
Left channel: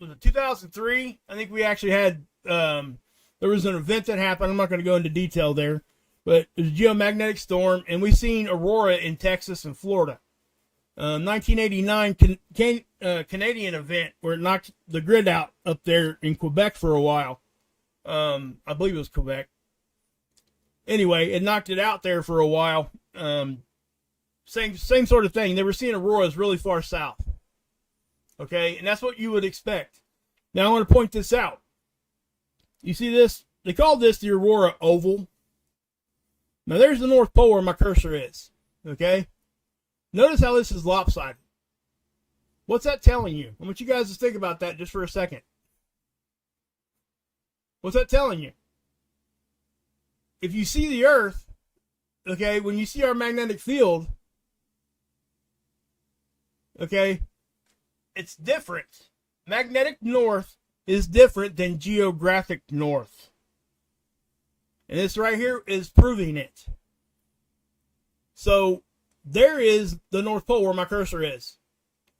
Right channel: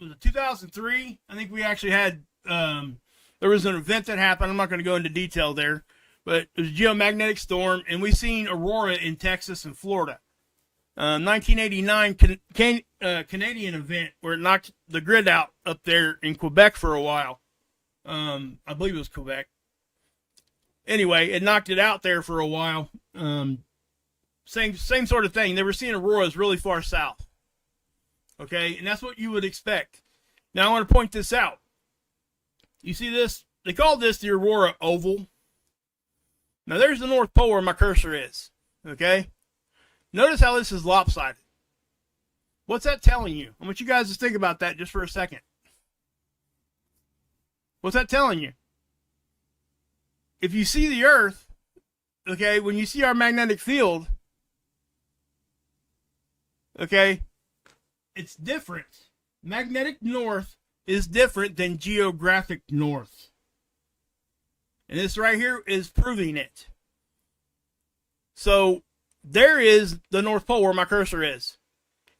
was it 2003? I think we actually had, there was an event that happened. I'm not going to go into detail there, but it was a geomagnetic storm, and we've seen aurora in Texas and Florida. 1989 Canadian event where it knocked the grid out up there in Quebec for a while. I believe it was Quebec. Anyway, it knocked it out there for a while. Same sort of thing. They were seeing auroras really far south. Okay, and that's what you would expect. Now I want to point this out. You see this? They call this the aurora oval. Now there's the North Pole where my cursor is. Okay? Notice how this is lopsided. What's that telling you? I want you guys to think about that just for a second. What's that telling you? If you see the Earth, okay, when you see our magnetic field, okay, it's different. Magnetic north is different than geographic north. And this right here is proving it. So there is the North Pole where my cursor is.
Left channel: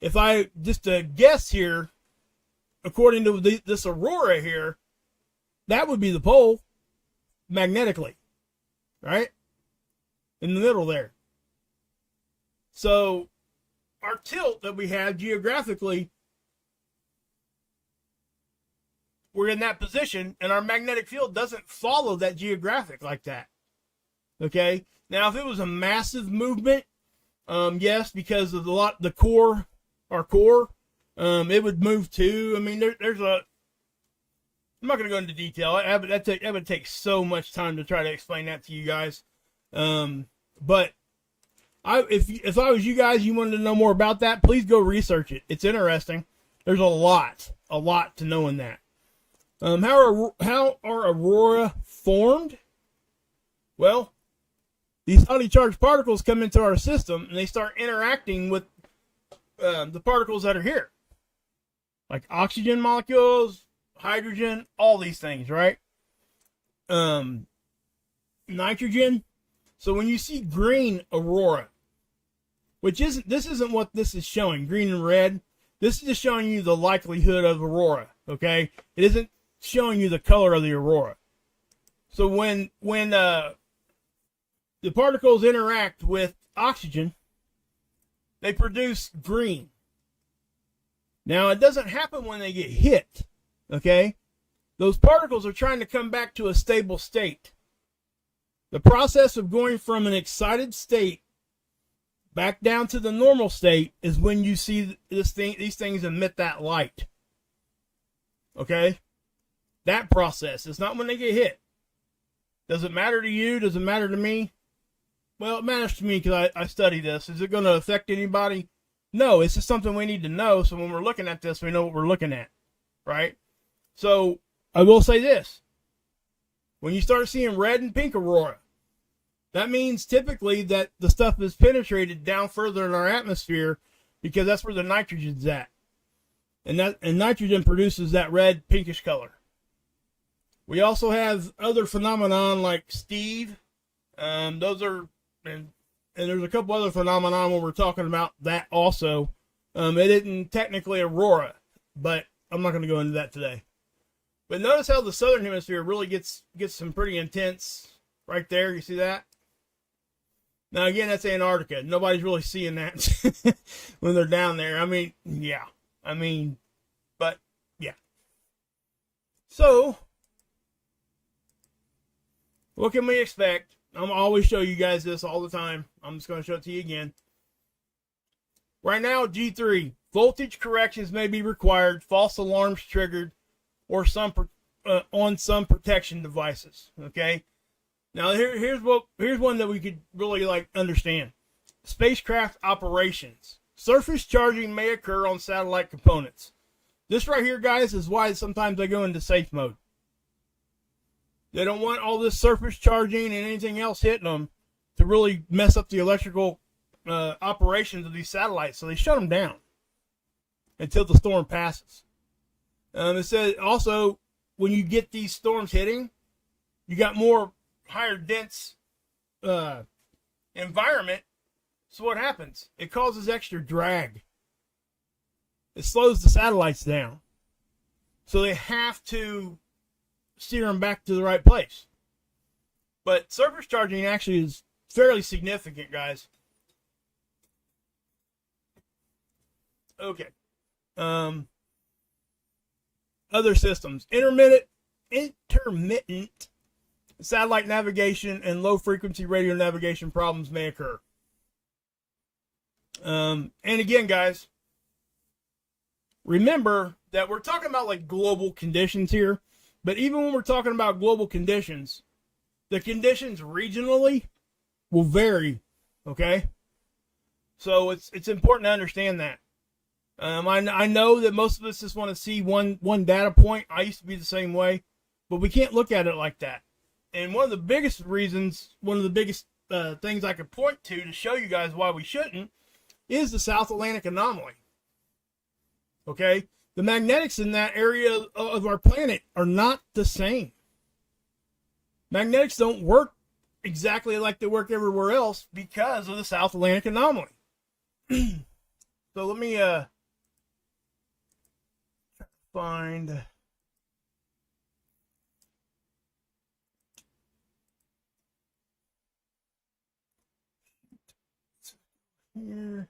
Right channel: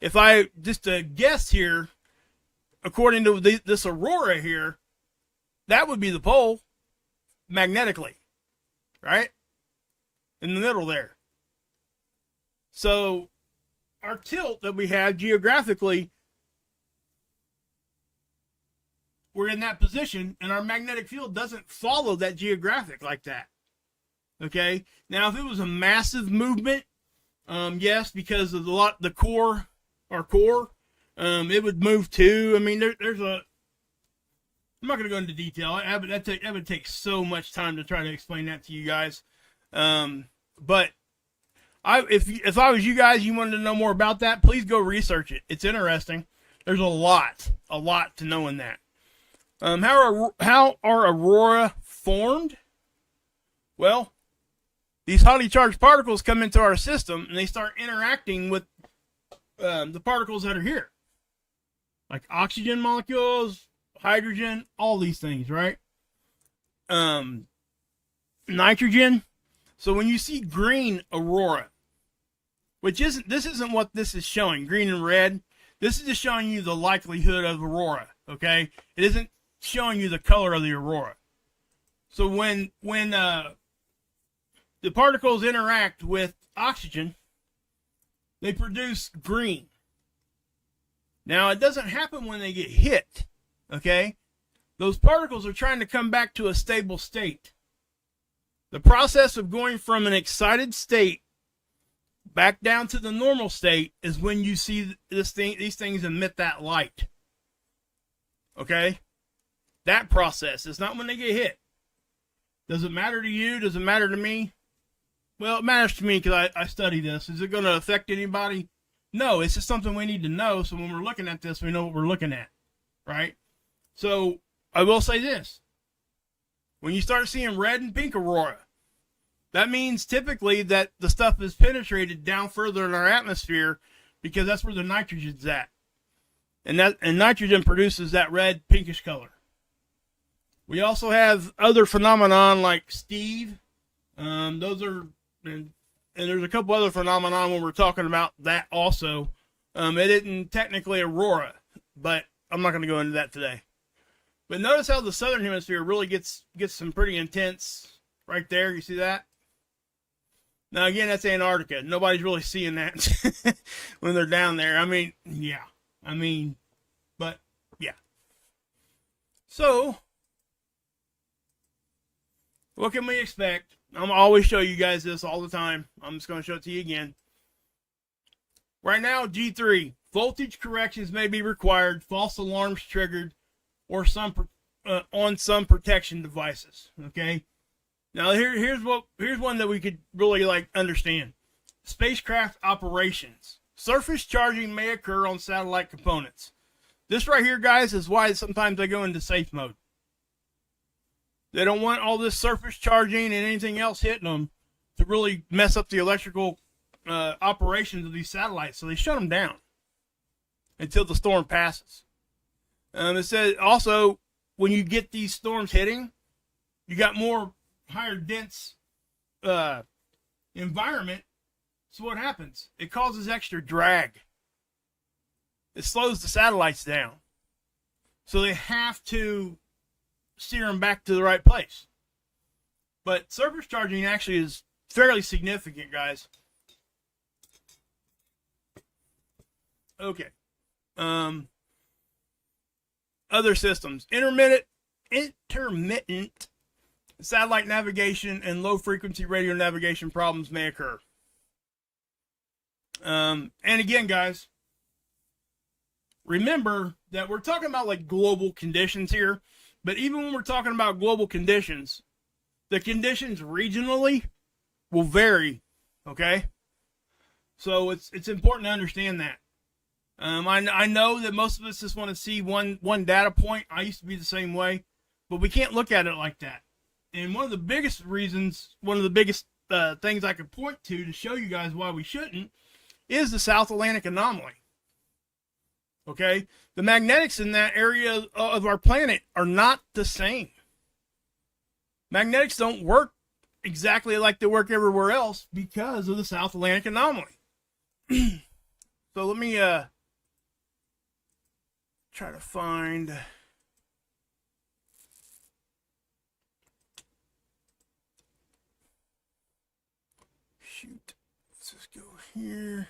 If I just guess here, according to this aurora here, that would be the pole magnetically, right? In the middle there. So our tilt that we have geographically we're in that position, and our magnetic field doesn't follow that geographic like that. Okay. Now, if it was a massive movement, yes, because of the core, our core, it would move too. I mean, there's a. I'm not going to go into detail. That would take so much time to try to explain that to you guys. But if I was you guys, you wanted to know more about that, please go research it. It's interesting. There's a lot to know in that. How are aurora formed? Well, these highly charged particles come into our system and they start interacting with the particles that are here, like oxygen molecules, hydrogen, all these things, right? Nitrogen. So when you see green aurora, this isn't what this is showing, green and red. This is just showing you the likelihood of aurora, okay? It isn't showing you the color of the aurora. So when the particles interact with oxygen, they produce green. Now, it doesn't happen when they get hit, okay? Those particles are trying to come back to a stable state. The process of going from an excited state back down to the normal state is when you see these things emit that light. Okay? That process is not when they get hit. Does it matter to you? Does it matter to me? Well, it matters to me because I study this. Is it going to affect anybody? No, it's just something we need to know. So when we're looking at this, we know what we're looking at, right? So I will say this. When you start seeing red and pink aurora, that means typically that the stuff is penetrated down further in our atmosphere because that's where the nitrogen's at. And nitrogen produces that red pinkish color. We also have other phenomenon like Steve. Those are, and there's a couple other phenomenon when we're talking about that also. It isn't technically aurora, but I'm not going to go into that today. But notice how the southern hemisphere really gets some pretty intense right there. You see that? Now, again, that's Antarctica. Nobody's really seeing that when they're down there. I mean, yeah. But, yeah. So, what can we expect? I'm always show you guys this all the time. I'm just going to show it to you again. Right now, G3, voltage corrections may be required, false alarms triggered, or on some protection devices. Okay. Now here's one that we could really understand. Spacecraft operations. Surface charging may occur on satellite components. This right here, guys, is why sometimes they go into safe mode. They don't want all this surface charging and anything else hitting them to really mess up the electrical operations of these satellites. So they shut them down until the storm passes. It says also when you get these storms hitting, you got more higher dense environment. So what happens? It causes extra drag. It slows the satellites down. So they have to steer them back to the right place. But surface charging actually is fairly significant, guys. Okay. Other systems. Intermittent satellite navigation and low frequency radio navigation problems may occur. And again, guys, remember that we're talking about like global conditions here, but even when we're talking about global conditions, the conditions regionally will vary. Okay. So it's important to understand that. I know that most of us just want to see one data point. I used to be the same way, but we can't look at it like that. And one of the biggest things I could point to show you guys why we shouldn't is the South Atlantic anomaly. Okay? The magnetics in that area of our planet are not the same. Magnetics don't work exactly like they work everywhere else because of the South Atlantic anomaly. So let me try to find. Shoot. Let's just go here.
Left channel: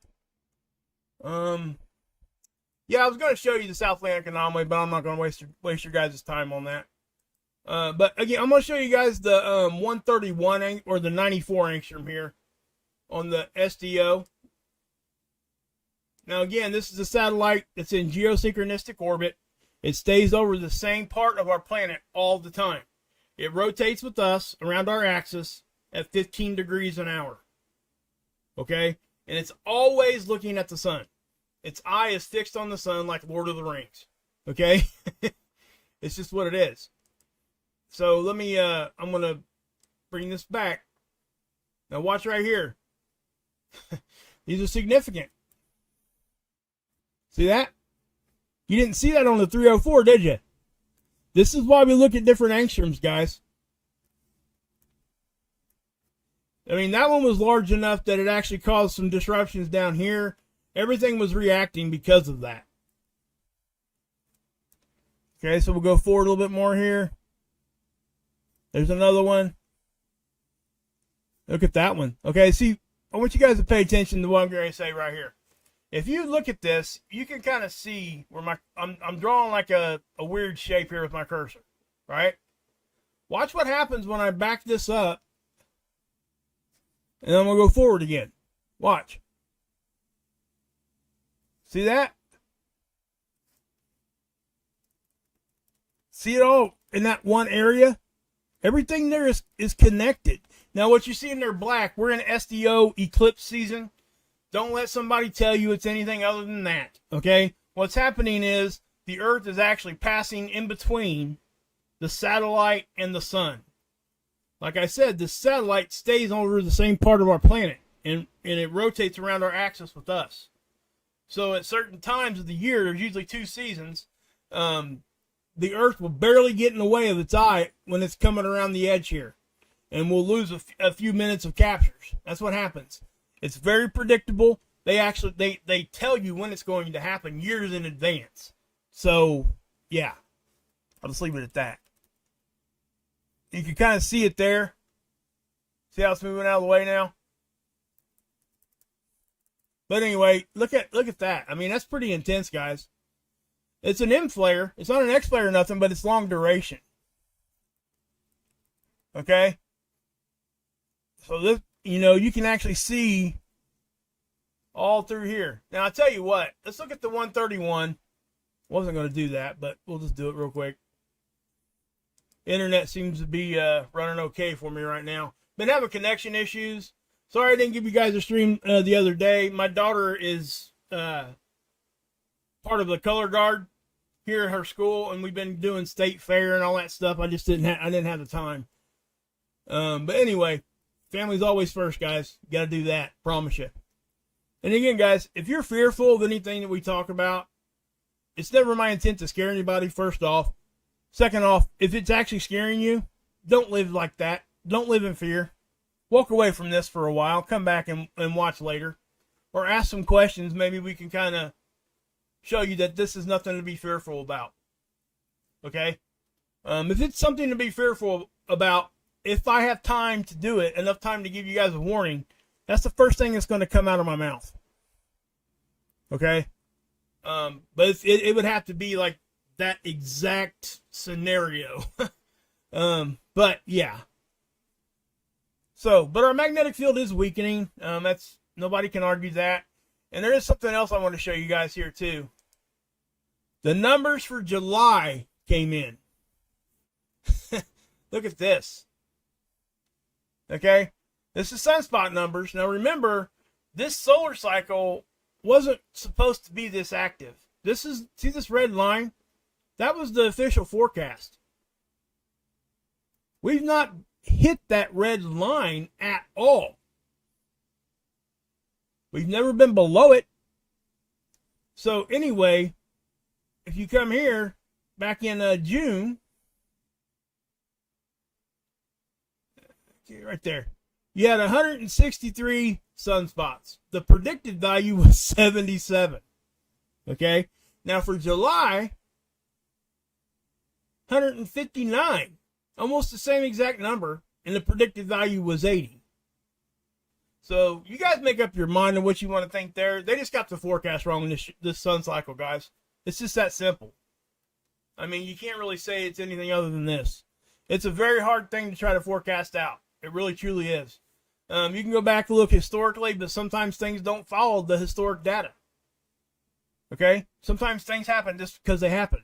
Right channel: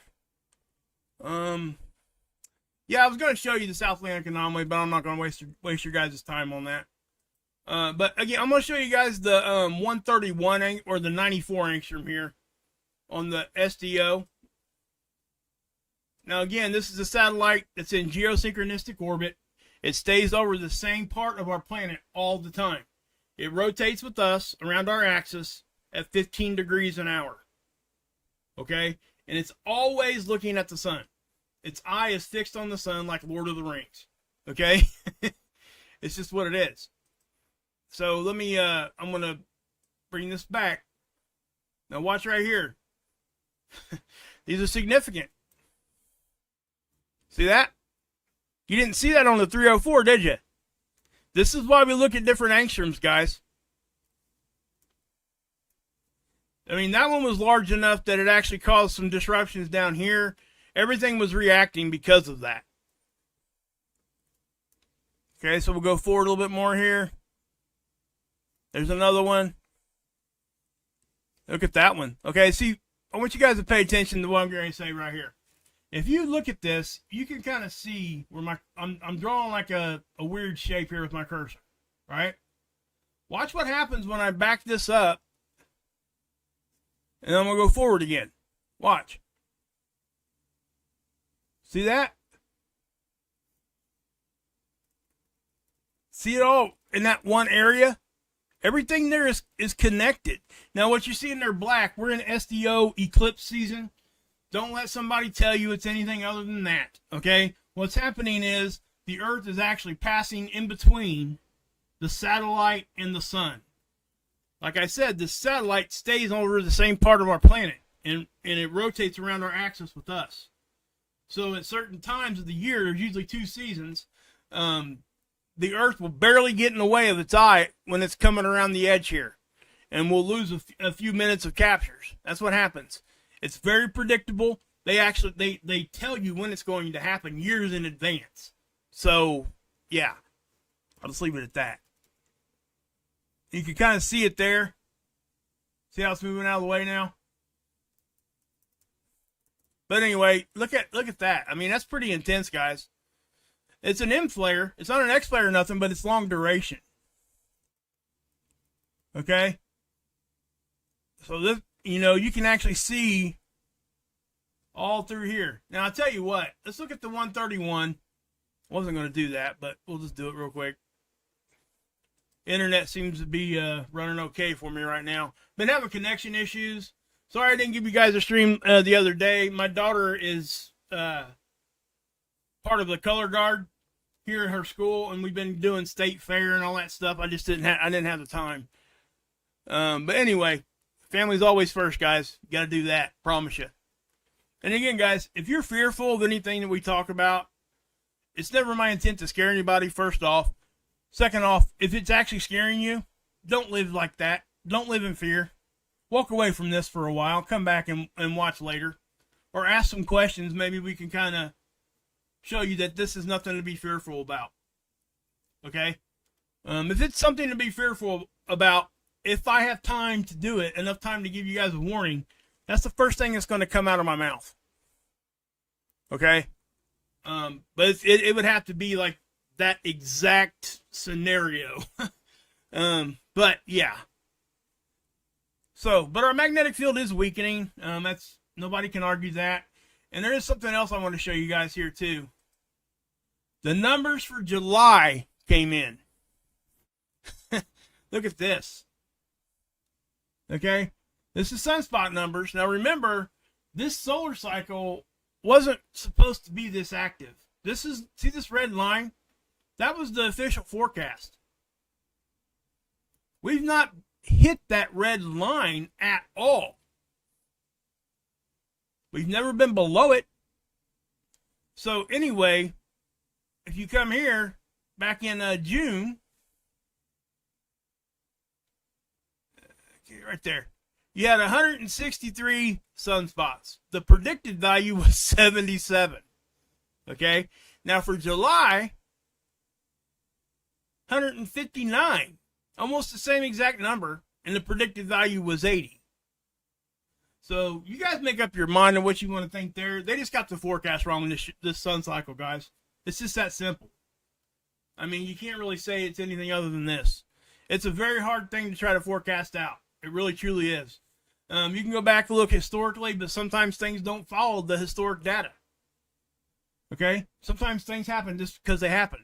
Yeah, I was going to show you the South Atlantic anomaly, but I'm not going to waste your guys' time on that. But again, I'm going to show you guys the 131 or the 94 angstrom here on the SDO. Now again, this is a satellite that's in geosynchronistic orbit. It stays over the same part of our planet all the time. It rotates with us around our axis at 15 degrees an hour. Okay? And it's always looking at the sun. Its eye is fixed on the sun like Lord of the Rings. Okay? It's just what it is. So let me, I'm going to bring this back. Now watch right here. These are significant. See that? You didn't see that on the 304, did you? This is why we look at different angstroms, guys. I mean, that one was large enough that it actually caused some disruptions down here. Everything was reacting because of that. Okay, so we'll go forward a little bit more here. There's another one. Look at that one. Okay, see, I want you guys to pay attention to what I'm going to say right here. If you look at this, you can kind of see where I'm drawing like a weird shape here with my cursor, right? Watch what happens when I back this up, and then I'm going to go forward again. Watch. See that? See it all in that one area? Everything there is connected. Now, what you see in there black, we're in SDO eclipse season. Don't let somebody tell you it's anything other than that, okay? What's happening is the Earth is actually passing in between the satellite and the sun. Like I said, the satellite stays over the same part of our planet, and it rotates around our axis with us. So at certain times of the year, there's usually 2 seasons, the Earth will barely get in the way of its eye when it's coming around the edge here, and we'll lose a few minutes of captures. That's what happens. It's very predictable. They tell you when it's going to happen years in advance. So, yeah, I'll just leave it at that. You can kind of see it there. See how it's moving out of the way now? But anyway, look at that. I mean, that's pretty intense, guys. It's an M flare. It's not an X flare or nothing, but it's long duration. Okay? So this, you can actually see all through here. Now, I'll tell you what. Let's look at the 131. Wasn't going to do that, but we'll just do it real quick. Internet seems to be running okay for me right now. Been having connection issues. Sorry I didn't give you guys a stream the other day. My daughter is part of the color guard here at her school, and we've been doing state fair and all that stuff. I just didn't have the time. But anyway, family's always first, guys. You got to do that. Promise you. And again, guys, if you're fearful of anything that we talk about, it's never my intent to scare anybody, first off. Second off, if it's actually scaring you, don't live like that. Don't live in fear. Walk away from this for a while. Come back and watch later. Or ask some questions. Maybe we can kind of show you that this is nothing to be fearful about. Okay? If it's something to be fearful about, if I have time to do it, enough time to give you guys a warning, that's the first thing that's going to come out of my mouth. Okay? But it would have to be like that exact scenario. But yeah. So, but our magnetic field is weakening. That's, nobody can argue that. And there is something else I want to show you guys here too. The numbers for July came in. Look at this. Okay? This is sunspot numbers. Now remember, this solar cycle wasn't supposed to be this active. See this red line? That was the official forecast. We've not hit that red line at all. We've never been below it. So anyway, if you come here back in June, okay, right there, you had 163 sunspots. The predicted value was 77. Okay, now for July, 159, almost the same exact number, and the predicted value was 80. So you guys make up your mind on what you want to think there. They just got the forecast wrong in this sun cycle, guys. It's just that simple. I mean, you can't really say it's anything other than this. It's a very hard thing to try to forecast out. It really, truly is. You can go back and look historically, but sometimes things don't follow the historic data. Okay? Sometimes things happen just because they happen.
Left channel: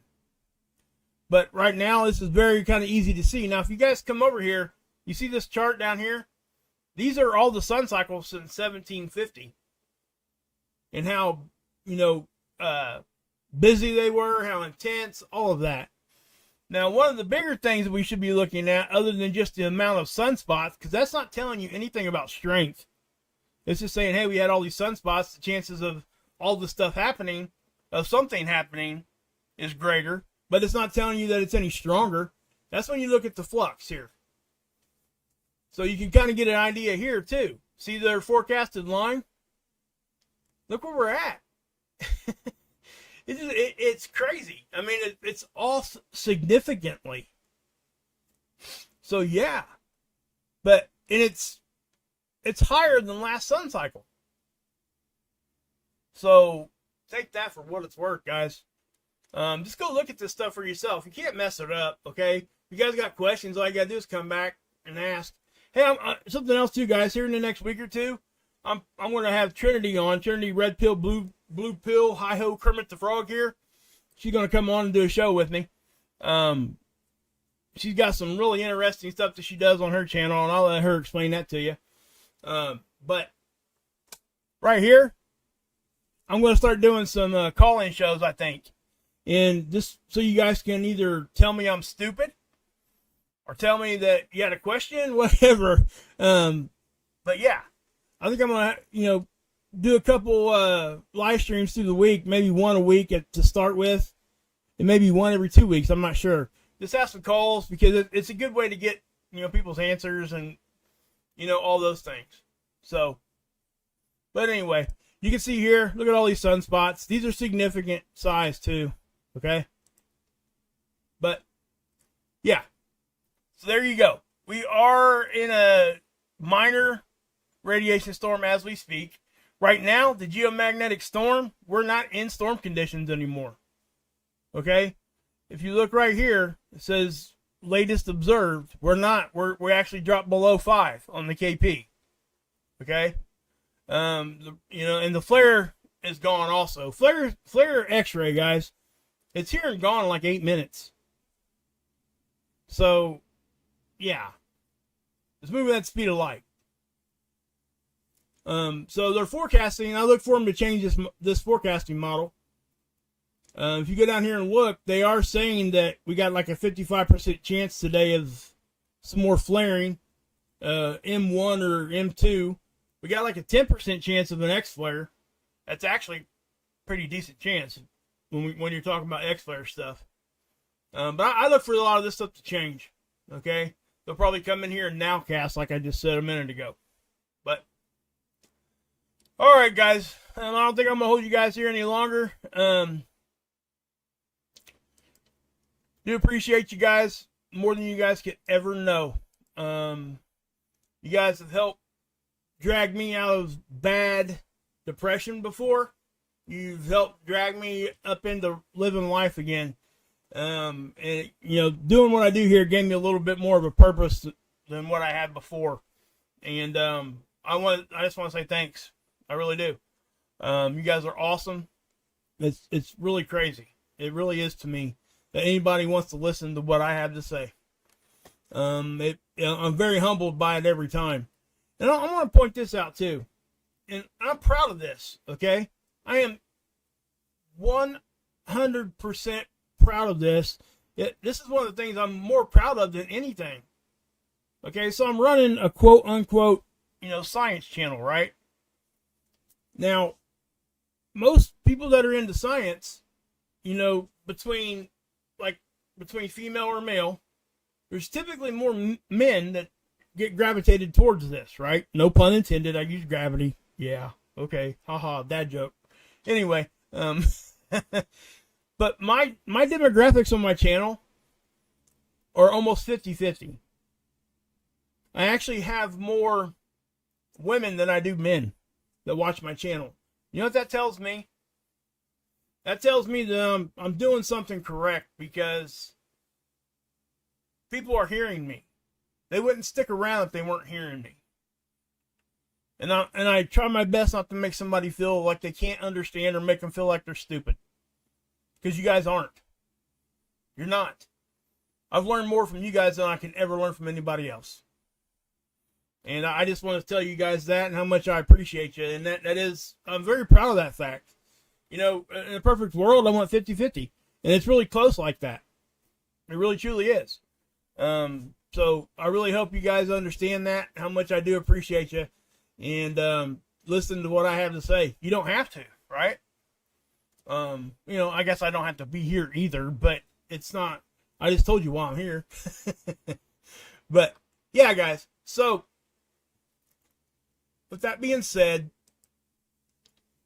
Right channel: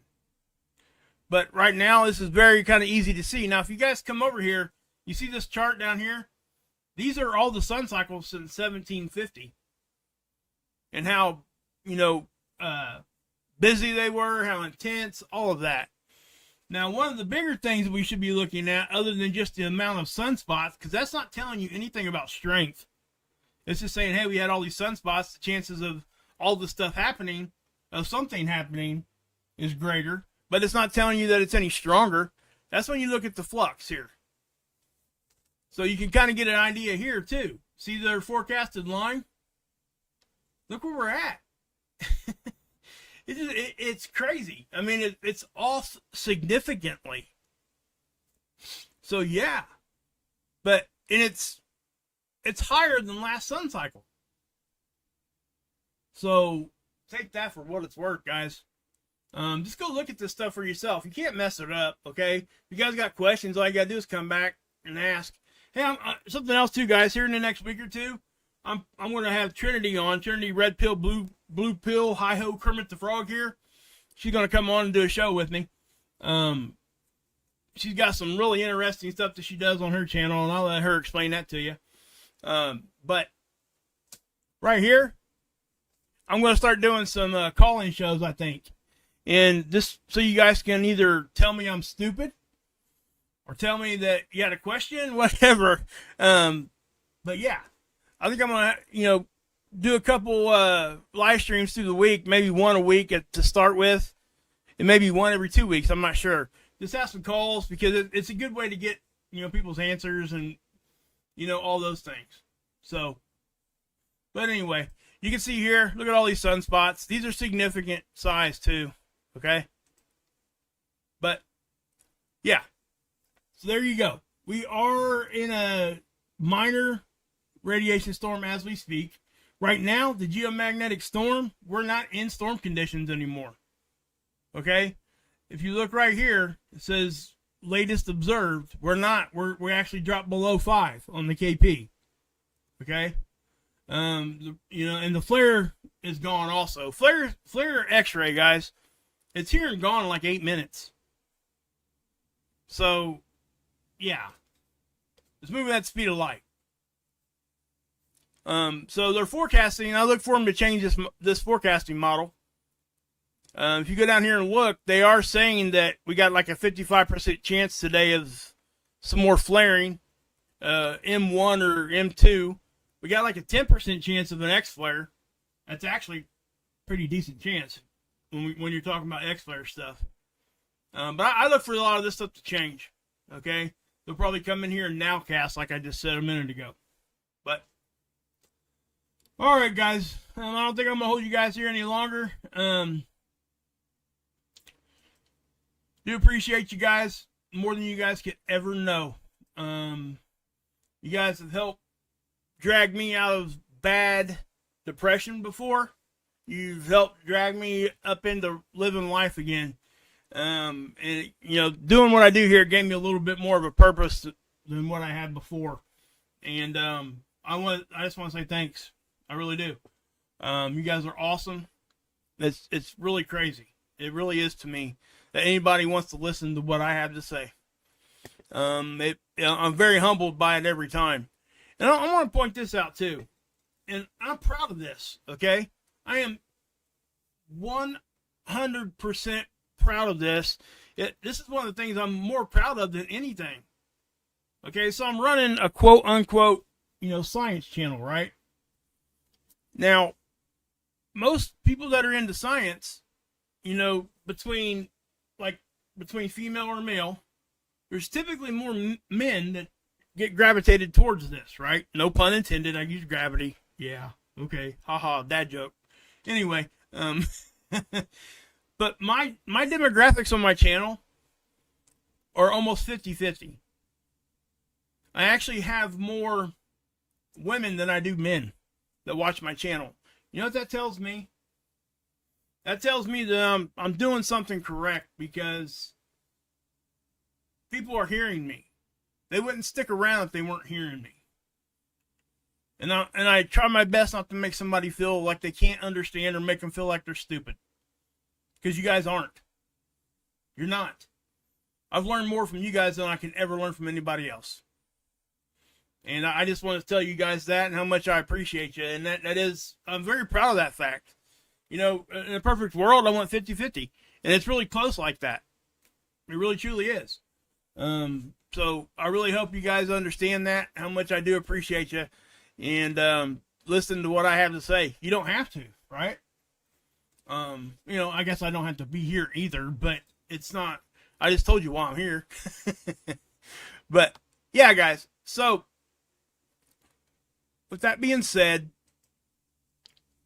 But right now, this is very kind of easy to see. Now, if you guys come over here, you see this chart down here? These are all the sun cycles since 1750. And how, busy they were, how intense, all of that. Now, one of the bigger things that we should be looking at, other than just the amount of sunspots, because that's not telling you anything about strength. It's just saying, hey, we had all these sunspots. The chances of all this stuff happening, of something happening, is greater. But it's not telling you that it's any stronger. That's when you look at the flux here. So you can kind of get an idea here, too. See their forecasted line? Look where we're at. It's crazy. I mean, it's all significantly. So, yeah. And it's higher than last sun cycle. So, take that for what it's worth, guys. Just go look at this stuff for yourself. You can't mess it up, okay? If you guys got questions, all you got to do is come back and ask. Hey, something else, too, guys. Here in the next week or two, I'm going to have Trinity on. Trinity Red Pill, Blue Pill, Hi-Ho Kermit the Frog here. She's going to come on and do a show with me. She's got some really interesting stuff that she does on her channel, and I'll let her explain that to you. But right here, I'm going to start doing some call-in shows, I think. And this, so you guys can either tell me I'm stupid or tell me that you had a question, whatever. But yeah, I think I'm going to, do a couple live streams through the week, maybe one a week to start with, and maybe one every 2 weeks. I'm not sure. Just have some calls because it's a good way to get, people's answers and, all those things. So, but anyway, you can see here, look at all these sunspots. These are significant size too. Okay. But yeah, so there you go. We are in a minor radiation storm as we speak. Right now, the geomagnetic storm, we're not in storm conditions anymore. Okay? If you look right here, it says latest observed. We're not. We actually dropped below 5 on the KP. Okay? And the flare is gone also. Flare X-ray, guys. It's here and gone in like 8 minutes. So, yeah. It's moving at the speed of light. So they're forecasting. I look for them to change this forecasting model. If you go down here and look, they are saying that we got like a 55% chance today of some more flaring, M1 or M2. We got like a 10% chance of an X flare. That's actually pretty decent chance when you're talking about X flare stuff. But I look for a lot of this stuff to change. Okay, they'll probably come in here and nowcast like I just said a minute ago. But all right, guys. I don't think I'm gonna hold you guys here any longer. Do appreciate you guys more than you guys could ever know. You guys have helped drag me out of bad depression before. You've helped drag me up into living life again. And doing what I do here gave me a little bit more of a purpose than what I had before. And I just want to say thanks. I really do. You guys are awesome. It's really crazy. It really is to me that anybody wants to listen to what I have to say. I'm very humbled by it every time. And I want to point this out too. And I'm proud of this, okay? I am 100% proud of this. This is one of the things I'm more proud of than anything. Okay, so I'm running a quote unquote, science channel, right? Now, most people that are into science, between female or male, there's typically more men that get gravitated towards this, right? No pun intended. I use gravity. Yeah. Okay. Haha. Dad joke. Anyway, but my demographics on my channel are almost 50-50. I actually have more women than I do men that watch my channel. You know what that tells me? That tells me that I'm doing something correct, because people are hearing me. They wouldn't stick around if they weren't hearing me. And I try my best not to make somebody feel like they can't understand or make them feel like they're stupid. Because you guys aren't. You're not. I've learned more from you guys than I can ever learn from anybody else. And I just want to tell you guys that and how much I appreciate you. And that is, I'm very proud of that fact. You know, in a perfect world, I want 50-50. And it's really close like that. It really truly is. So I really hope you guys understand that, how much I do appreciate you. And listen to what I have to say. You don't have to, right? You know, I guess I don't have to be here either, but it's not, I just told you why I'm here. But yeah, guys. So with that being said,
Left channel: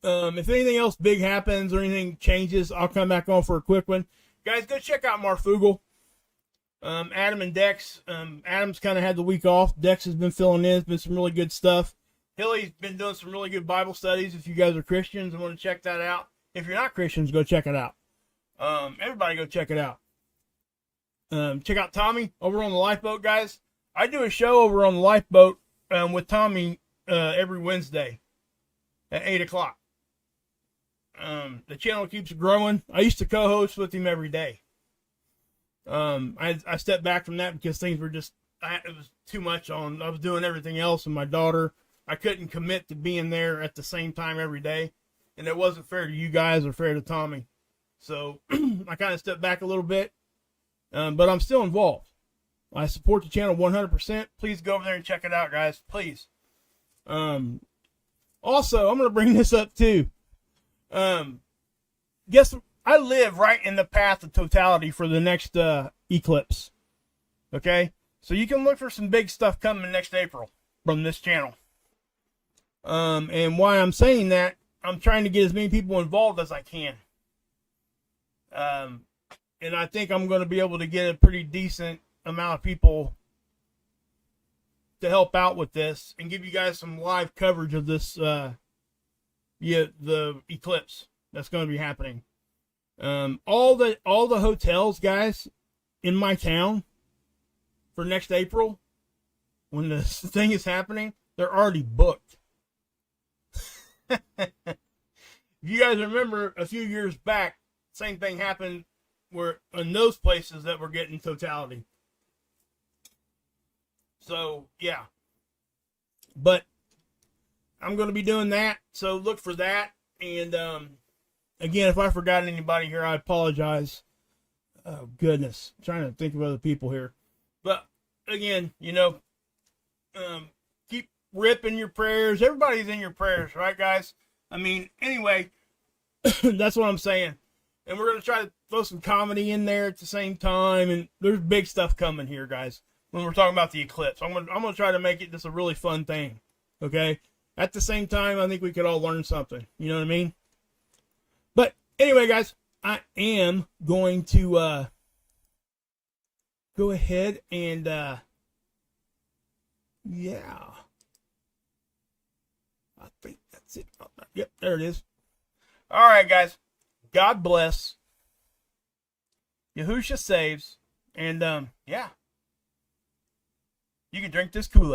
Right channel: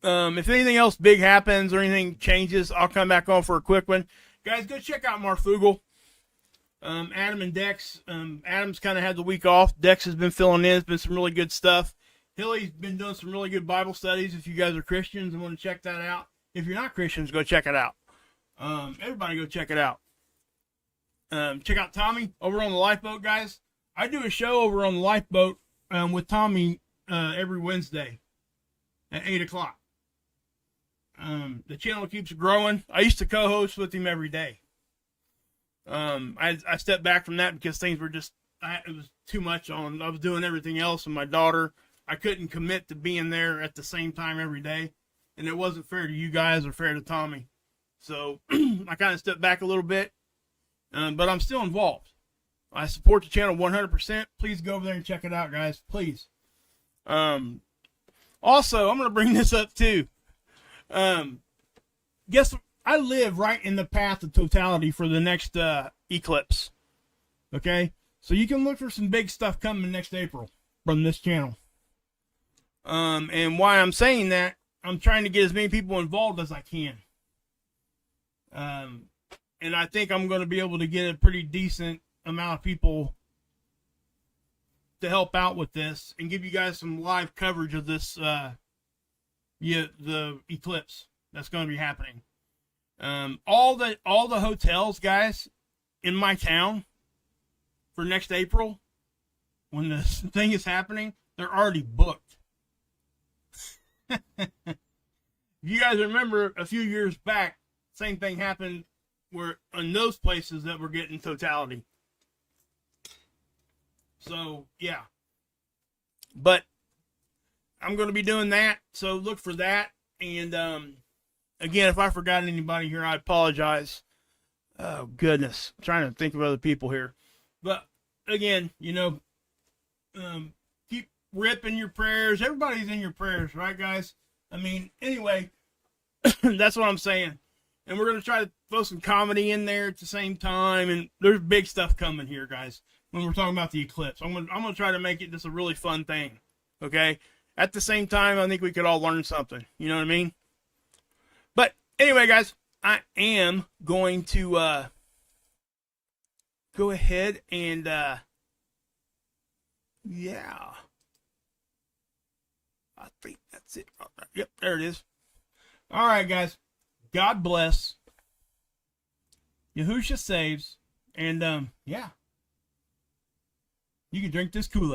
if anything else big happens or anything changes, I'll come back on for a quick one. Guys, go check out Marfoogle. Adam and Dex. Adam's kind of had the week off. Dex has been filling in. It's been some really good stuff. Hilly's been doing some really good Bible studies. If you guys are Christians and want to check that out. If you're not Christians, go check it out. Everybody go check it out. Check out Tommy over on the Lifeboat, guys. I do a show over on the Lifeboat with Tommy every Wednesday at 8 o'clock. The channel keeps growing. I used to co-host with him every day. I stepped back from that because things were just, it was too much on. I was doing everything else, and my daughter, I couldn't commit to being there at the same time every day, and it wasn't fair to you guys or fair to Tommy. So I kind of stepped back a little bit, but I'm still involved. I support the channel 100%. Please go over there and check it out, guys. Please. Also, I'm going to bring this up too. Guess I live right in the path of totality for the next eclipse. Okay? So you can look for some big stuff coming next April from this channel. And why I'm saying that, I'm trying to get as many people involved as I can. And I think I'm going to be able to get a pretty decent amount of people to help out with this and give you guys some live coverage of this, the eclipse that's going to be happening. All the hotels, guys, in my town for next April, when this thing is happening, they're already booked. If you guys remember a few years back, same thing happened where in those places that were getting totality. So yeah, but I'm going to be doing that. So look for that. And, again, if I forgot anybody here, I apologize. Oh goodness. I'm trying to think of other people here, but again, you know, keep ripping your prayers. Everybody's in your prayers, right, guys? I mean, anyway, that's what I'm saying. And we're going to try to throw some comedy in there at the same time. And there's big stuff coming here, guys, when we're talking about the eclipse. I'm going to try to make it just a really fun thing. Okay. At the same time, I think we could all learn something. You know what I mean? But anyway, guys, I am going to, go ahead and, yeah, I think that's it. Yep, there it is. All right, guys. God bless. Yahushua saves. And, yeah. You can drink this Kool-Aid.